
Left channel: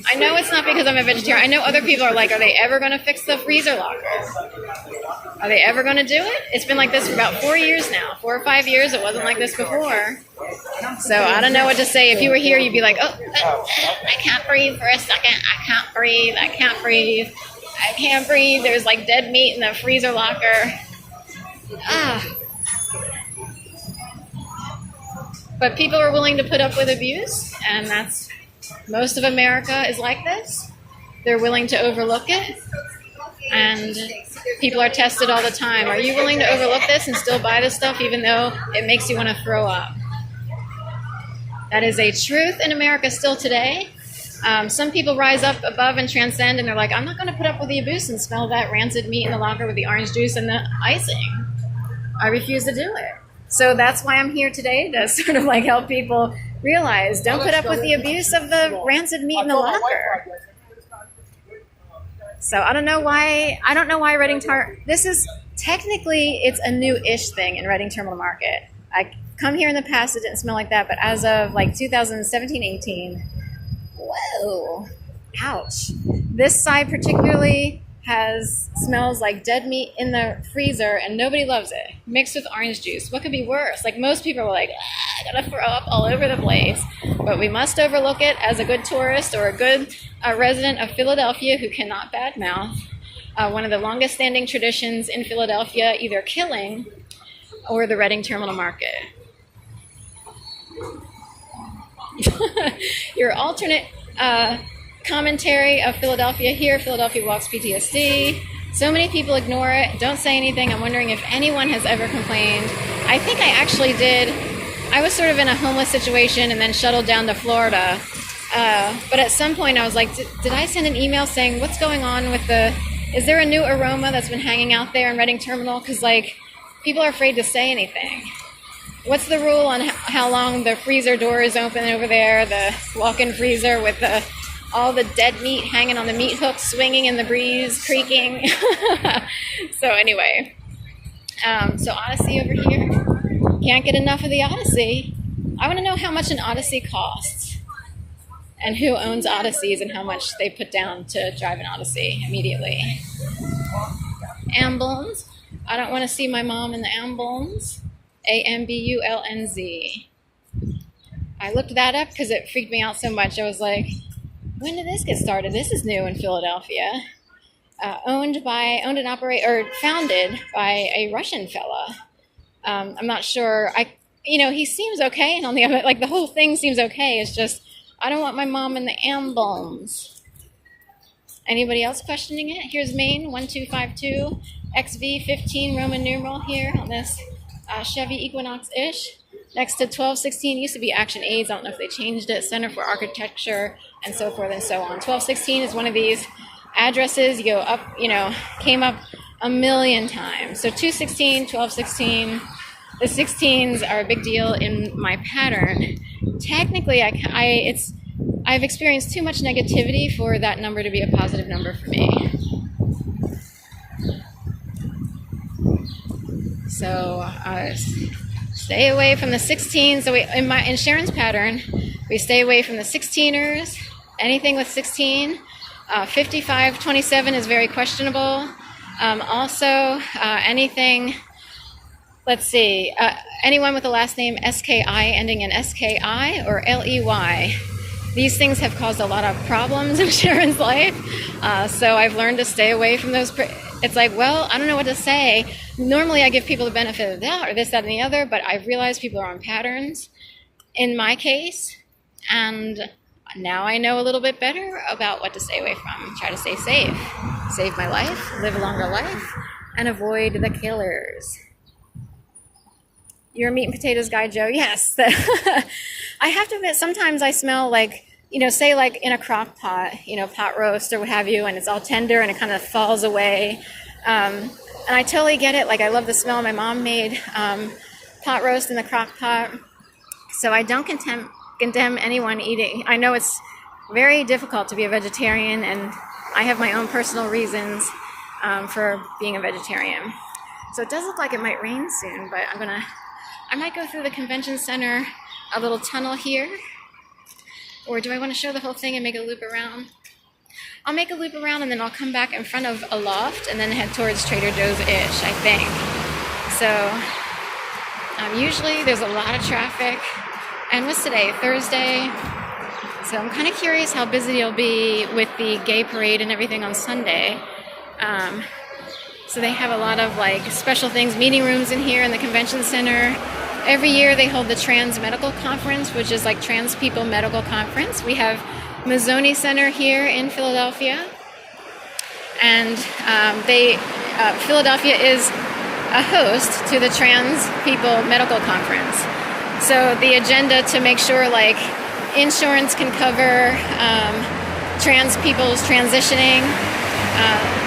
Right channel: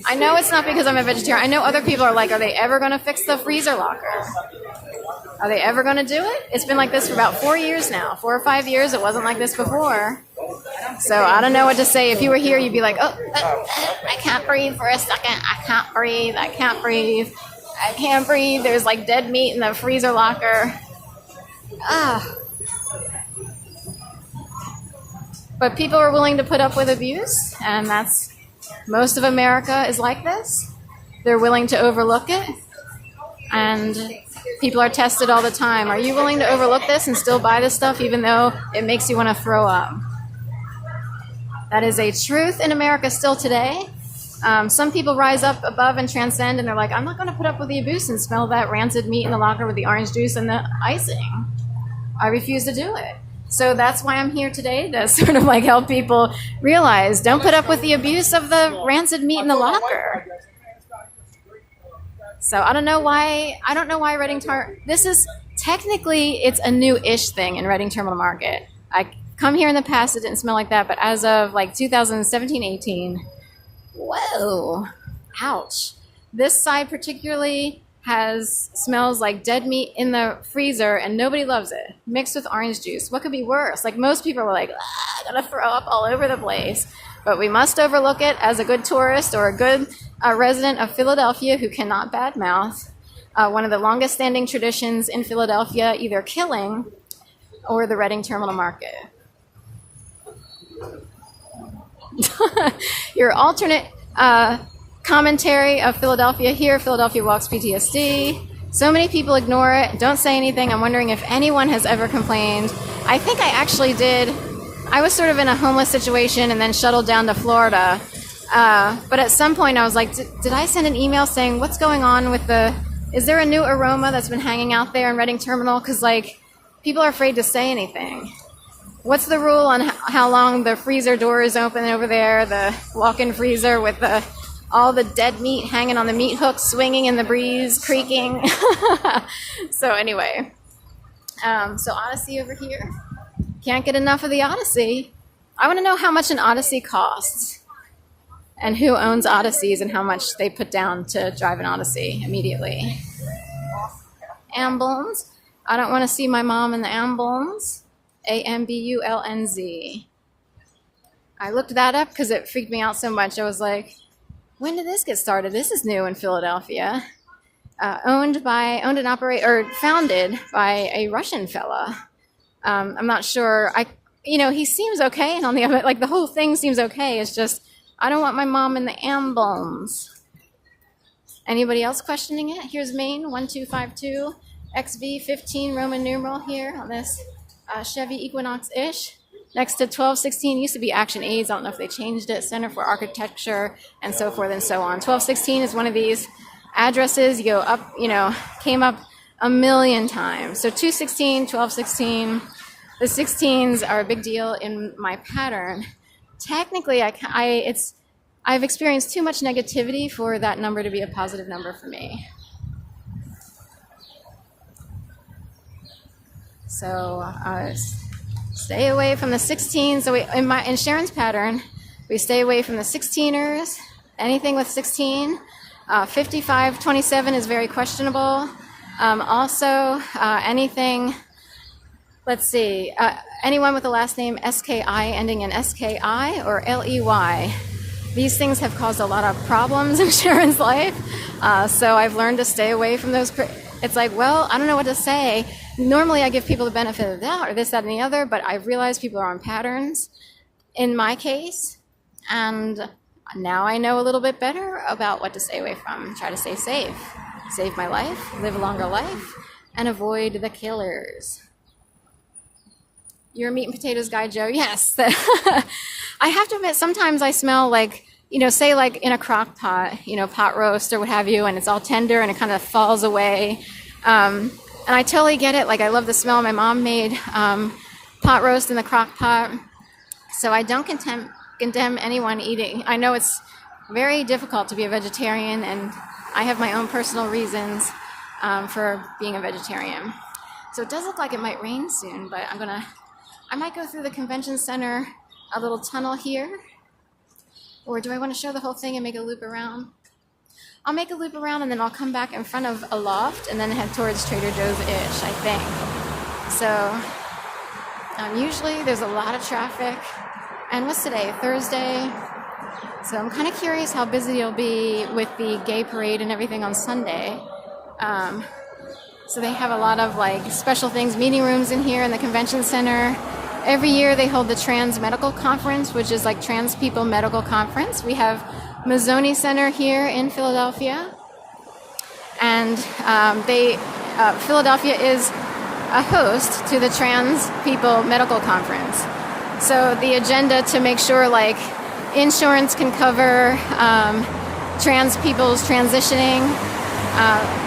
I know it's not because I'm a vegetarian. I know other people are are they ever going to fix the freezer locker? Are they ever going to do it? It's been like this for about 4 years now. 4 or 5 years. It wasn't like this before. So I don't know what to say. If you were here, you'd be like, oh, I can't breathe for a second. I can't breathe. I can't breathe. I can't breathe. There's like dead meat in the freezer locker. But people are willing to put up with abuse, and that's most of America is like this. They're willing to overlook it, and people are tested all the time. Are you willing to overlook this and still buy this stuff even though it makes you want to throw up? That is a truth in America still today. Some people rise up above and transcend, and they're like, I'm not going to put up with the abuse and smell that rancid meat in the locker with the orange juice and the icing. I refuse to do it. So that's why I'm here today, to sort of like help people realize, don't put up with the abuse of the rancid meat in the locker. So I don't know why Reading this is technically, it's a new-ish thing in Reading Terminal Market. I come here in the past, it didn't smell like that, but as of like 2017-18, whoa, ouch. This side particularly smells like dead meat in the freezer, and nobody loves it. Mixed with orange juice. What could be worse? Like, most people were like, I'm gonna throw up all over the place. But we must overlook it as a good tourist or a good resident of Philadelphia who cannot badmouth one of the longest standing traditions in Philadelphia, either killing or the Reading Terminal Market. Your alternate commentary of Philadelphia here, Philadelphia Walks PTSD. So many people ignore it, don't say anything. I'm wondering if anyone has ever complained. I think I actually did. I was sort of in a homeless situation and then shuttled down to Florida. But at some point I was like, did I send an email saying, what's going on with is there a new aroma that's been hanging out there in Reading Terminal? Because like, people are afraid to say anything. What's the rule on how long the freezer door is open over there, the walk-in freezer with all the dead meat hanging on the meat hooks, swinging in the breeze, creaking? So anyway, so Odyssey over here. Can't get enough of the Odyssey. I want to know how much an Odyssey costs and who owns Odysseys and how much they put down to drive an Odyssey immediately. Ambulance. I don't want to see my mom in the ambulance. AMBULNZ. I looked that up because it freaked me out so much. I was like, when did this get started? This is new in Philadelphia. Owned and founded by a Russian fella. I'm not sure. He seems okay, and on the other, like, the whole thing seems okay. It's just, I don't want my mom in the ambulance. Anybody else questioning it? Here's Maine 1252 XV15 Roman numeral here on this Chevy Equinox-ish. Next to 1216 used to be Action Aids. I don't know if they changed it. Center for Architecture and so forth and so on. 1216 is one of these addresses. You go up, came up a million times. So 216, 1216. The 16s are a big deal in my pattern. Technically, I've experienced too much negativity for that number to be a positive number for me. So stay away from the 16s. So in Sharon's pattern, we stay away from the 16ers. Anything with 16. 5527 is very questionable. Also, anything. Let's see. Anyone with the last name SKI ending in SKI or LEY. These things have caused a lot of problems in Sharon's life. So I've learned to stay away from those. It's like, well, I don't know what to say. Normally I give people the benefit of the doubt or this, that, and the other, but I've realized people are on patterns in my case. And now I know a little bit better about what to stay away from. Try to stay safe. Save my life, live a longer life, and avoid the killers. You're a meat and potatoes guy, Joe? Yes. I have to admit, sometimes I smell like, say like in a crock pot, pot roast or what have you, and it's all tender and it kind of falls away. And I totally get it. Like, I love the smell. My mom made pot roast in the crock pot. So I don't condemn anyone eating. I know it's very difficult to be a vegetarian, and I have my own personal reasons for being a vegetarian. So it does look like it might rain soon, but I might go through the convention center, a little tunnel here. Or do I want to show the whole thing and make a loop around? I'll make a loop around and then I'll come back in front of a loft and then head towards Trader Joe's-ish, I think. So usually there's a lot of traffic. And what's today? Thursday. So I'm kind of curious how busy it'll be with the gay parade and everything on Sunday. So they have a lot of like special things, meeting rooms in here in the convention center. Every year they hold the Trans Medical Conference, which is like Trans People Medical Conference. We have Mazzoni Center here in Philadelphia. And Philadelphia is a host to the Trans People Medical Conference. So the agenda to make sure like insurance can cover trans people's transitioning.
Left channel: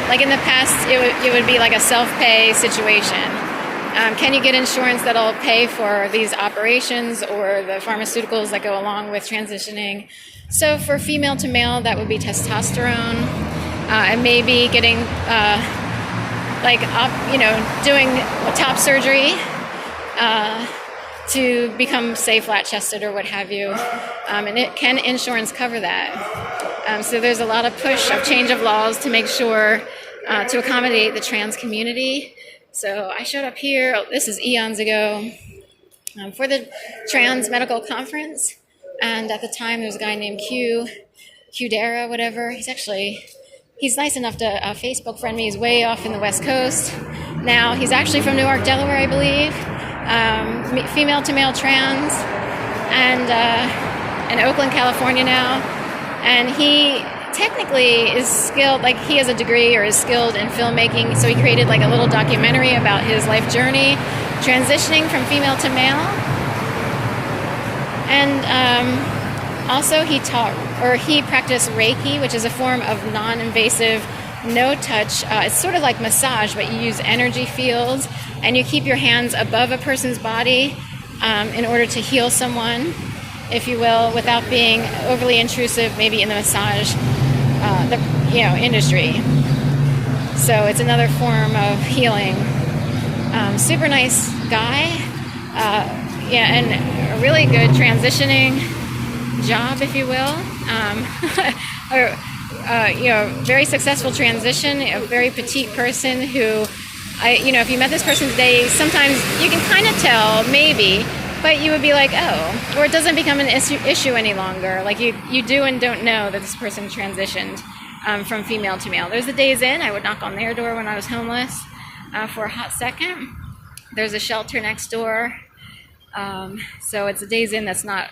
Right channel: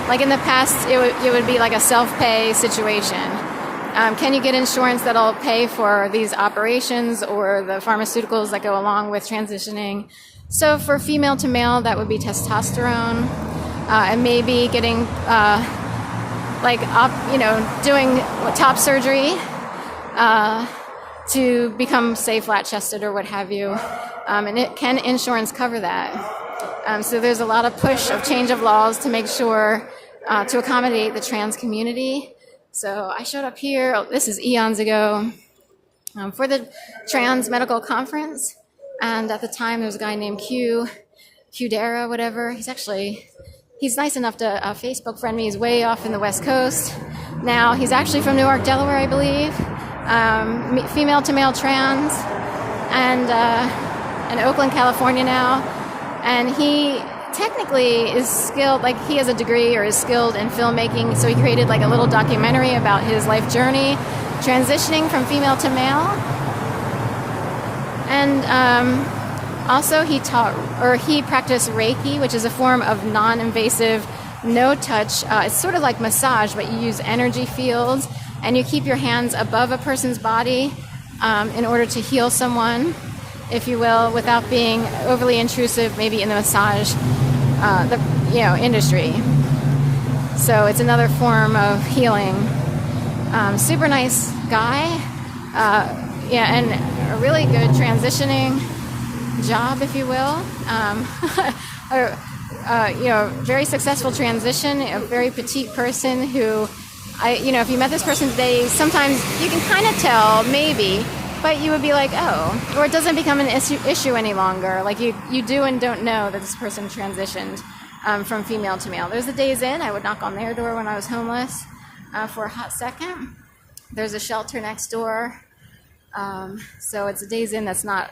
Like in the past, it would be like a self-pay situation. Can you get insurance that'll pay for these operations or the pharmaceuticals that go along with transitioning? So for female to male, that would be testosterone, and maybe getting doing top surgery to become, say, flat-chested or what have you. And can insurance cover that? So there's a lot of push of change of laws to make sure to accommodate the trans community. So I showed up here, this is eons ago, for the Trans Medical Conference. And at the time, there was a guy named Qdara, whatever. He's nice enough to Facebook friend me. He's way off in the West Coast. Now, he's actually from Newark, Delaware, I believe. Female to male trans. And in Oakland, California now. And he technically is skilled, like he has a degree or is skilled in filmmaking. So he created like a little documentary about his life journey, transitioning from female to male. And also he practiced Reiki, which is a form of non-invasive, no-touch. It's sort of like massage, but you use energy fields and you keep your hands above a person's body in order to heal someone, if you will, without being overly intrusive, maybe in the massage industry. So it's another form of healing. Super nice guy. And a really good transitioning job, if you will. Very successful transition, a very petite person who, if you met this person today, sometimes you can kind of tell, maybe, but you would be like, oh, or it doesn't become an issue any longer. Like you do and don't know that this person transitioned from female to male. There's a Days Inn. I would knock on their door when I was homeless for a hot second. There's a shelter next door. So it's a Days Inn that's not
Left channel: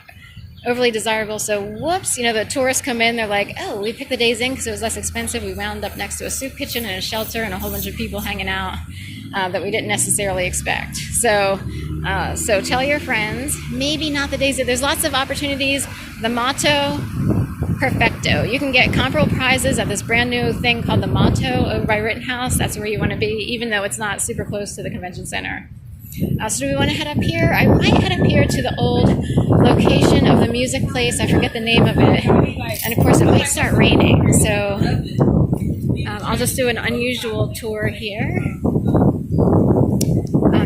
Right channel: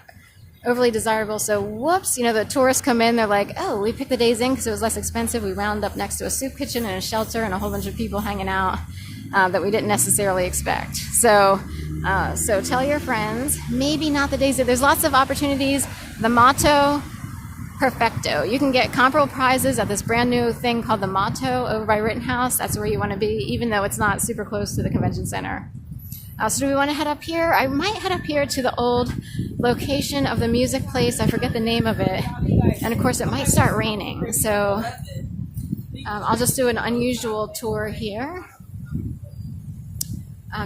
overly desirable. So whoops, the tourists come in, they're like, oh, we picked the Days Inn because it was less expensive. We wound up next to a soup kitchen and a shelter and a whole bunch of people hanging out that we didn't necessarily expect. So tell your friends, maybe not the Days Inn. There's lots of opportunities. The Motto, perfecto. You can get comparable prizes at this brand new thing called the Motto over by Rittenhouse. That's where you want to be, even though it's not super close to the convention center. So do we want to head up here? I might head up here to the old location of the music place. I forget the name of it. And of course, it might start raining. So I'll just do an unusual tour here.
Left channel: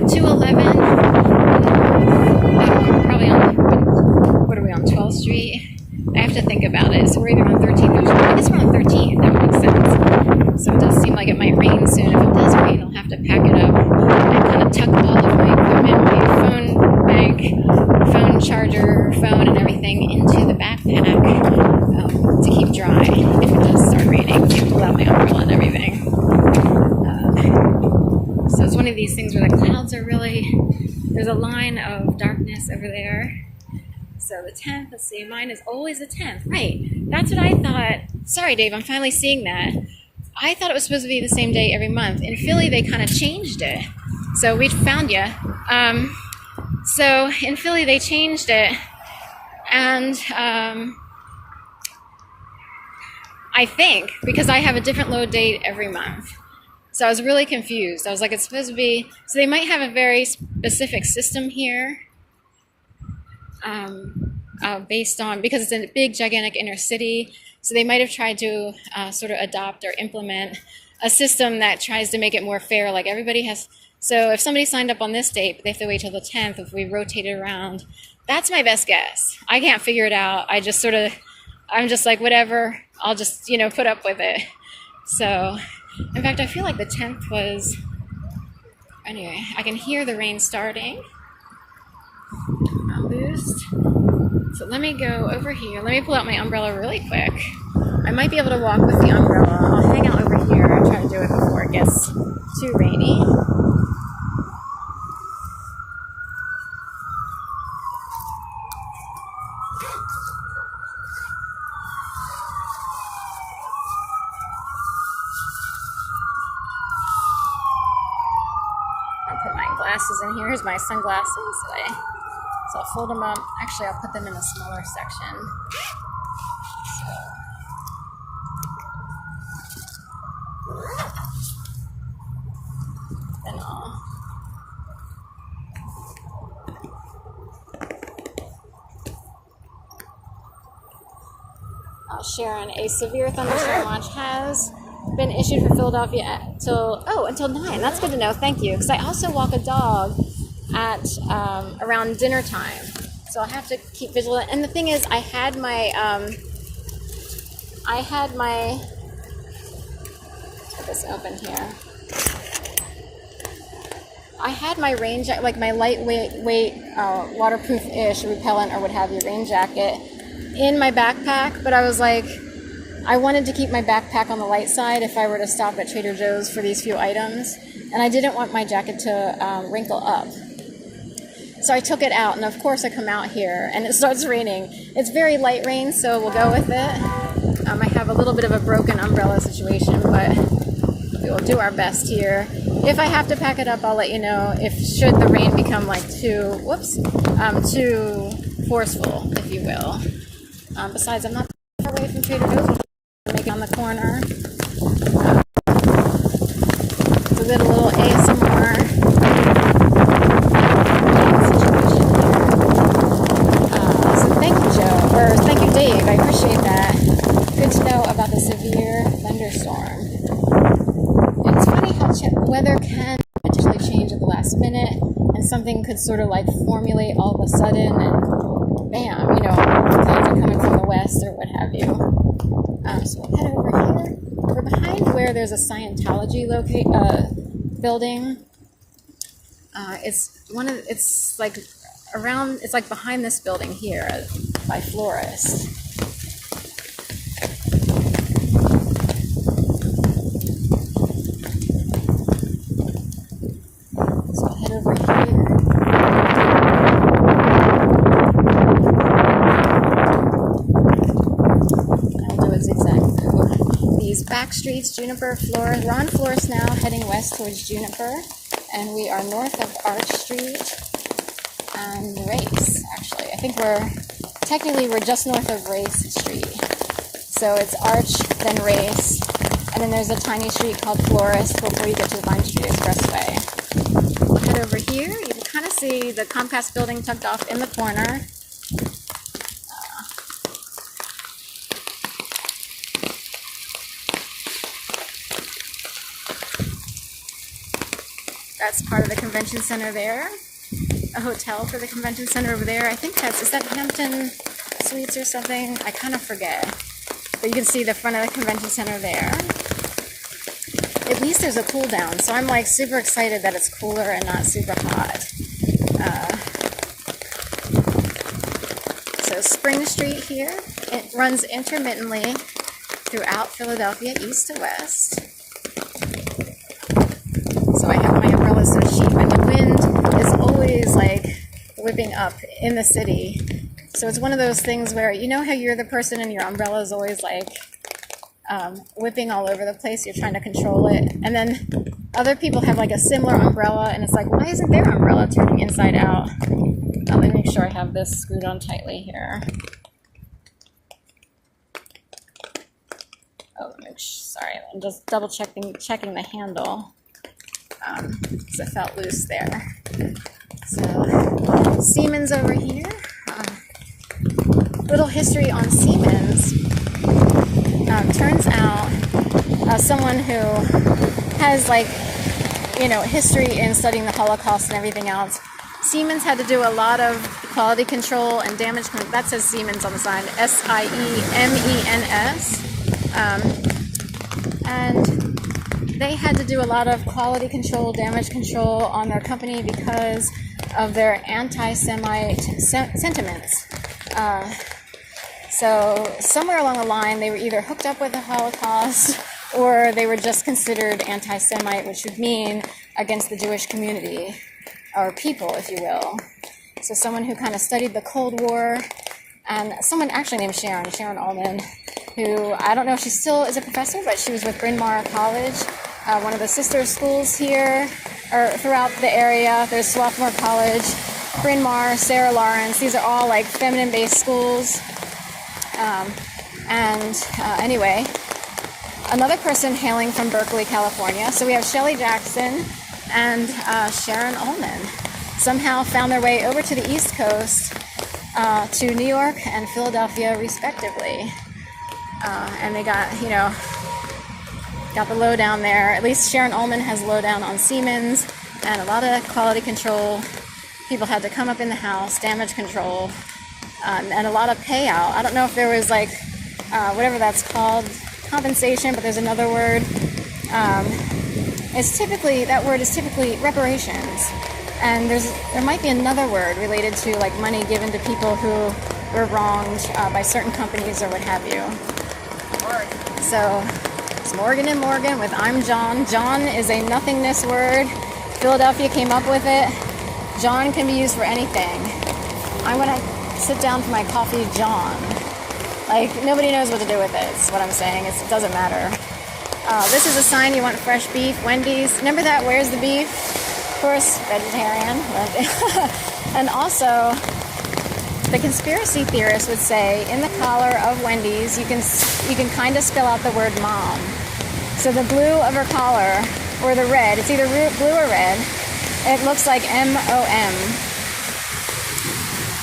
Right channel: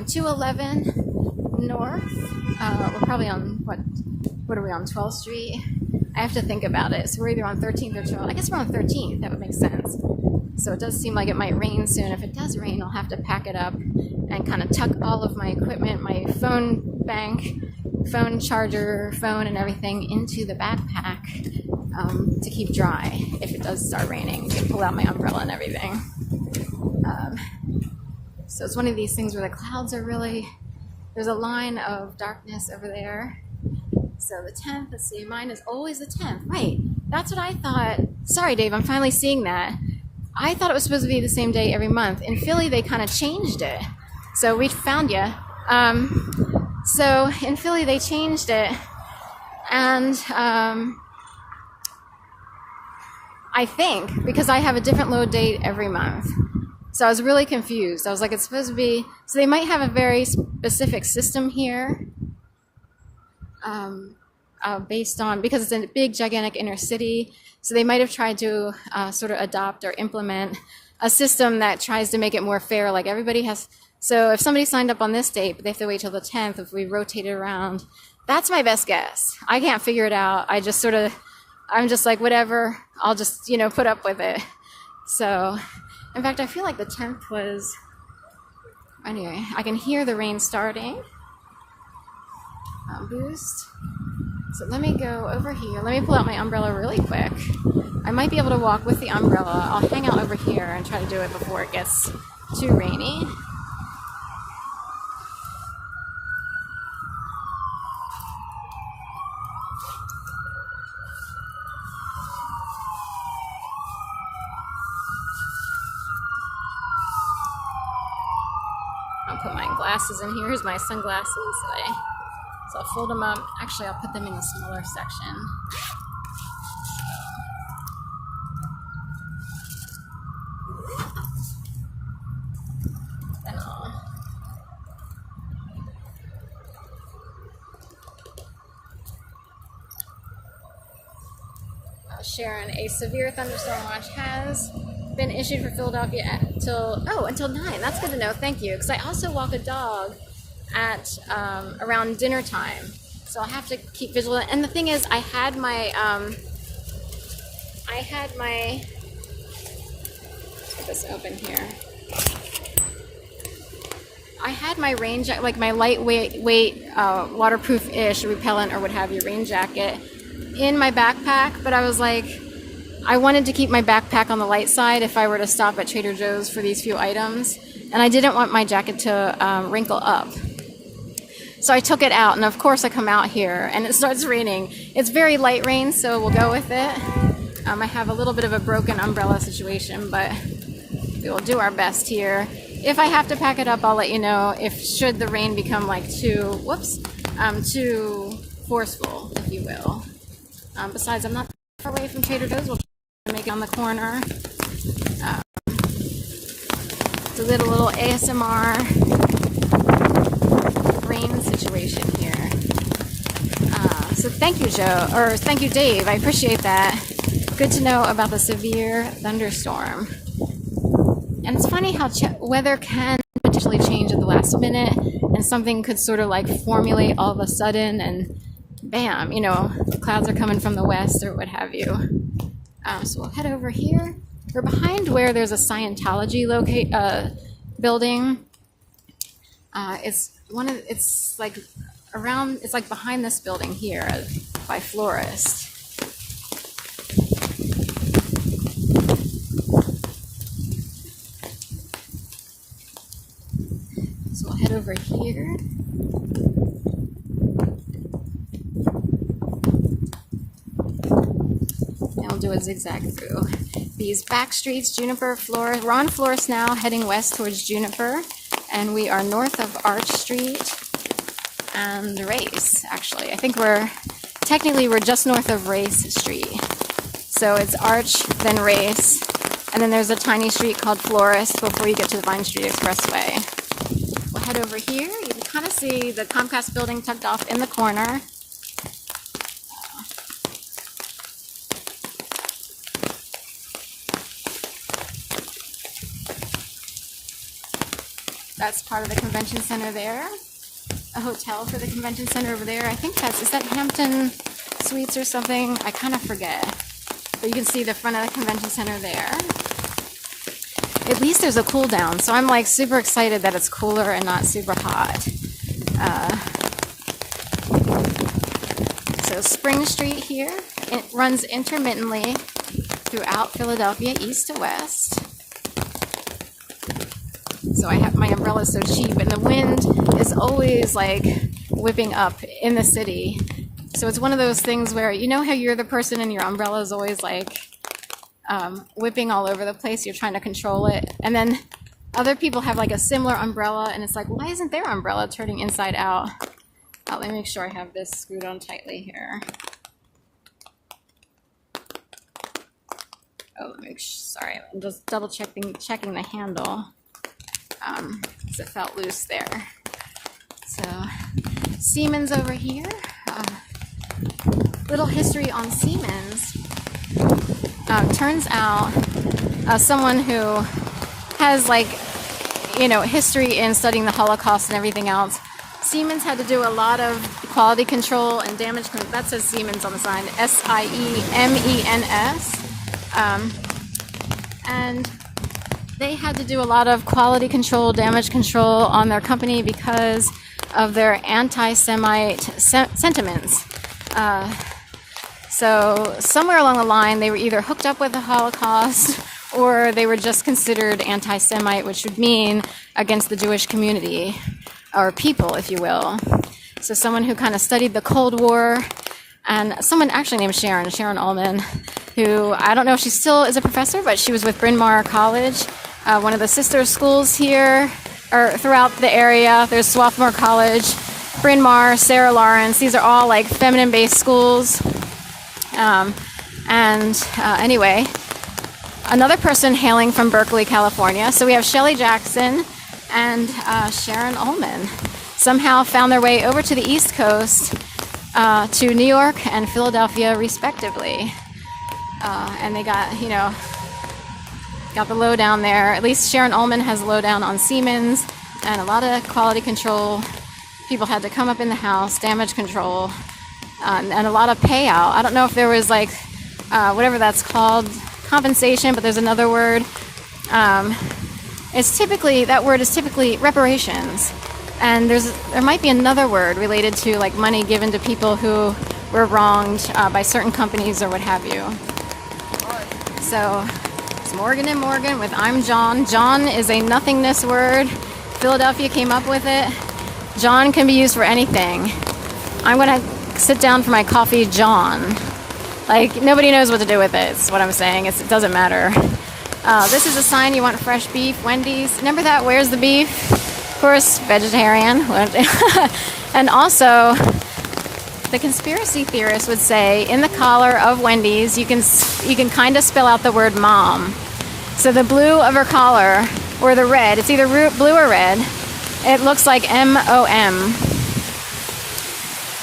211, probably on, what are we on, 12th Street? I have to think about it. So we're either on 13th or 12th. I guess we're on 13th. That would make sense. So it does seem like it might rain soon. If it does rain, I'll have to pack it up and kind of tuck all of my equipment, my phone bank, phone charger, phone, and everything into the backpack to keep dry if it does start raining. Pull out my umbrella and everything. So it's one of these things where the clouds are there's a line of darkness over there. So the 10th, let's see, mine is always the 10th. Right, that's what I thought. Sorry, Dave, I'm finally seeing that. I thought it was supposed to be the same day every month. In Philly, they kind of changed it. So we found you. So in Philly, they changed it. And I think, because I have a different load date every month. So I was really confused. I was like, it's supposed to be... So they might have a very specific system here. Based on, because it's a big, gigantic inner city, so they might have tried to sort of adopt or implement a system that tries to make it more fair, like everybody has. So if somebody signed up on this date, but they have to wait till the 10th, if we rotate it around, that's my best guess. I can't figure it out. I just sort of I'm just like, whatever, I'll just, put up with it. So, in fact, I feel like the 10th was, anyway, I can hear the rain starting. Boost. So let me go over here. Let me pull out my umbrella really quick. I might be able to walk with the umbrella. I'll hang out over here and try to do it before it gets too rainy. I'll put my glasses in here. Here's my sunglasses. So I'll fold them up. Actually, I'll put them in a smaller section. Then Sharon, a severe thunderstorm watch has been issued for Philadelphia until 9. That's good to know. Thank you. Because I also walk a dog at around dinner time, so I'll have to keep vigilant. And the thing is, I had my get this open here. I had my rain jacket, like my lightweight waterproof-ish repellent or what have you, rain jacket in my backpack, but I was like, I wanted to keep my backpack on the light side if I were to stop at Trader Joe's for these few items, and I didn't want my jacket to wrinkle up. So I took it out, and of course I come out here, and it starts raining. It's very light rain, so we'll go with it. I have a little bit of a broken umbrella situation, but we will do our best here. If I have to pack it up, I'll let you know. Should the rain become like too forceful, if you will. Besides, I'm not far away from Trader Joe's. We'll make it on the corner. So did a little ASMR situation here. So thank you, Joe, or thank you, Dave. I appreciate that. Good to know about the severe thunderstorm. And it's funny how weather can potentially change at the last minute, and something could sort of like formulate all of a sudden, and bam, clouds are coming from the west or what have you. So we'll head over here. We're behind where there's a Scientology building. It's like behind this building here by Florist. So I'll head over here. And we'll do a zigzag through these back streets, Juniper, Florist. We're on Florist now, heading west towards Juniper. And we are north of Arch Street and Race, actually. I think we're just north of Race Street. So it's Arch, then Race, and then there's a tiny street called Florist before you get to the Vine Street Expressway. We'll head over here. You can kind of see the Comcast building tucked off in the corner. That's part of the convention center there. A hotel for the convention center over there. I think is that Hampton Suites or something? I kind of forget. But you can see the front of the convention center there. At least there's a cool down, so I'm like super excited that it's cooler and not super hot. So Spring Street here, it runs intermittently throughout Philadelphia, east to west. So I have my umbrella so cheap, and the wind is always like whipping up in the city. So it's one of those things where, you know how you're the person and your umbrella is always like whipping all over the place, you're trying to control it, and then other people have like a similar umbrella, and it's like, why isn't their umbrella turning inside out? Let me make sure I have this screwed on tightly here. Sorry, I'm just double checking the handle. Because it felt loose there. So, Siemens over here. Little history on Siemens. Turns out, someone who has history in studying the Holocaust and everything else, Siemens had to do a lot of quality control and damage control. That says Siemens on the sign, S-I-E-M-E-N-S. And they had to do a lot of quality control, damage control on their company because of their anti-Semite sentiments. So somewhere along the line, they were either hooked up with the Holocaust or they were just considered anti-Semite, which would mean against the Jewish community, or people, if you will. So someone who kind of studied the Cold War, and someone actually named Sharon Allman, who I don't know if she still is a professor, but she was with Bryn Mawr College, one of the sister schools here, or throughout the area. There's Swarthmore College, Bryn Mawr, Sarah Lawrence. These are all like feminine-based schools. Anyway, another person hailing from Berkeley, California. So we have Shelley Jackson and Sharon Allman somehow found their way over to the East Coast to New York and Philadelphia, respectively. And they got the lowdown there. At least Sharon Allman has lowdown on Siemens and a lot of quality control. People had to come up in the house, damage control, and a lot of payout. I don't know if there was like whatever that's called, compensation, but there's another word. That word is typically reparations. And there might be another word related to like money given to people who were wronged by certain companies or what have you. So it's Morgan and Morgan with I'm John. John is a nothingness word. Philadelphia came up with it. John can be used for anything. I'm going to sit down for my coffee, John. Like, nobody knows what to do with it. It's what I'm saying. It doesn't matter. This is a sign you want fresh beef. Wendy's. Remember that? Where's the beef? Of course, vegetarian. And also, the conspiracy theorists would say in the collar of Wendy's, you can kind of spell out the word mom. So the blue of her collar, or the red, it's either blue or red. It looks like M-O-M.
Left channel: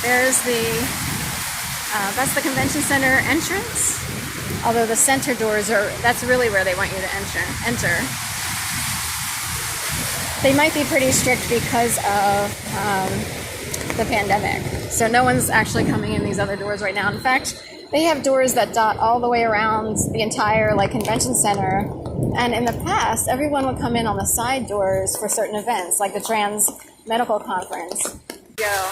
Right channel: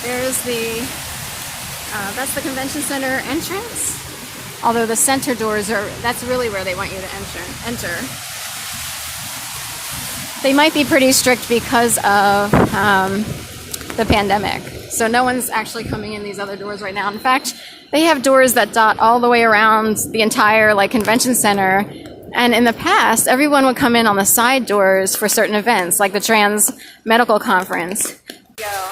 There's that's the convention center entrance. Although the center doors that's really where they want you to enter. They might be pretty strict because of the pandemic. So no one's actually coming in these other doors right now. In fact, they have doors that dot all the way around the entire convention center. And in the past, everyone would come in on the side doors for certain events, like the Trans Medical Conference. Go.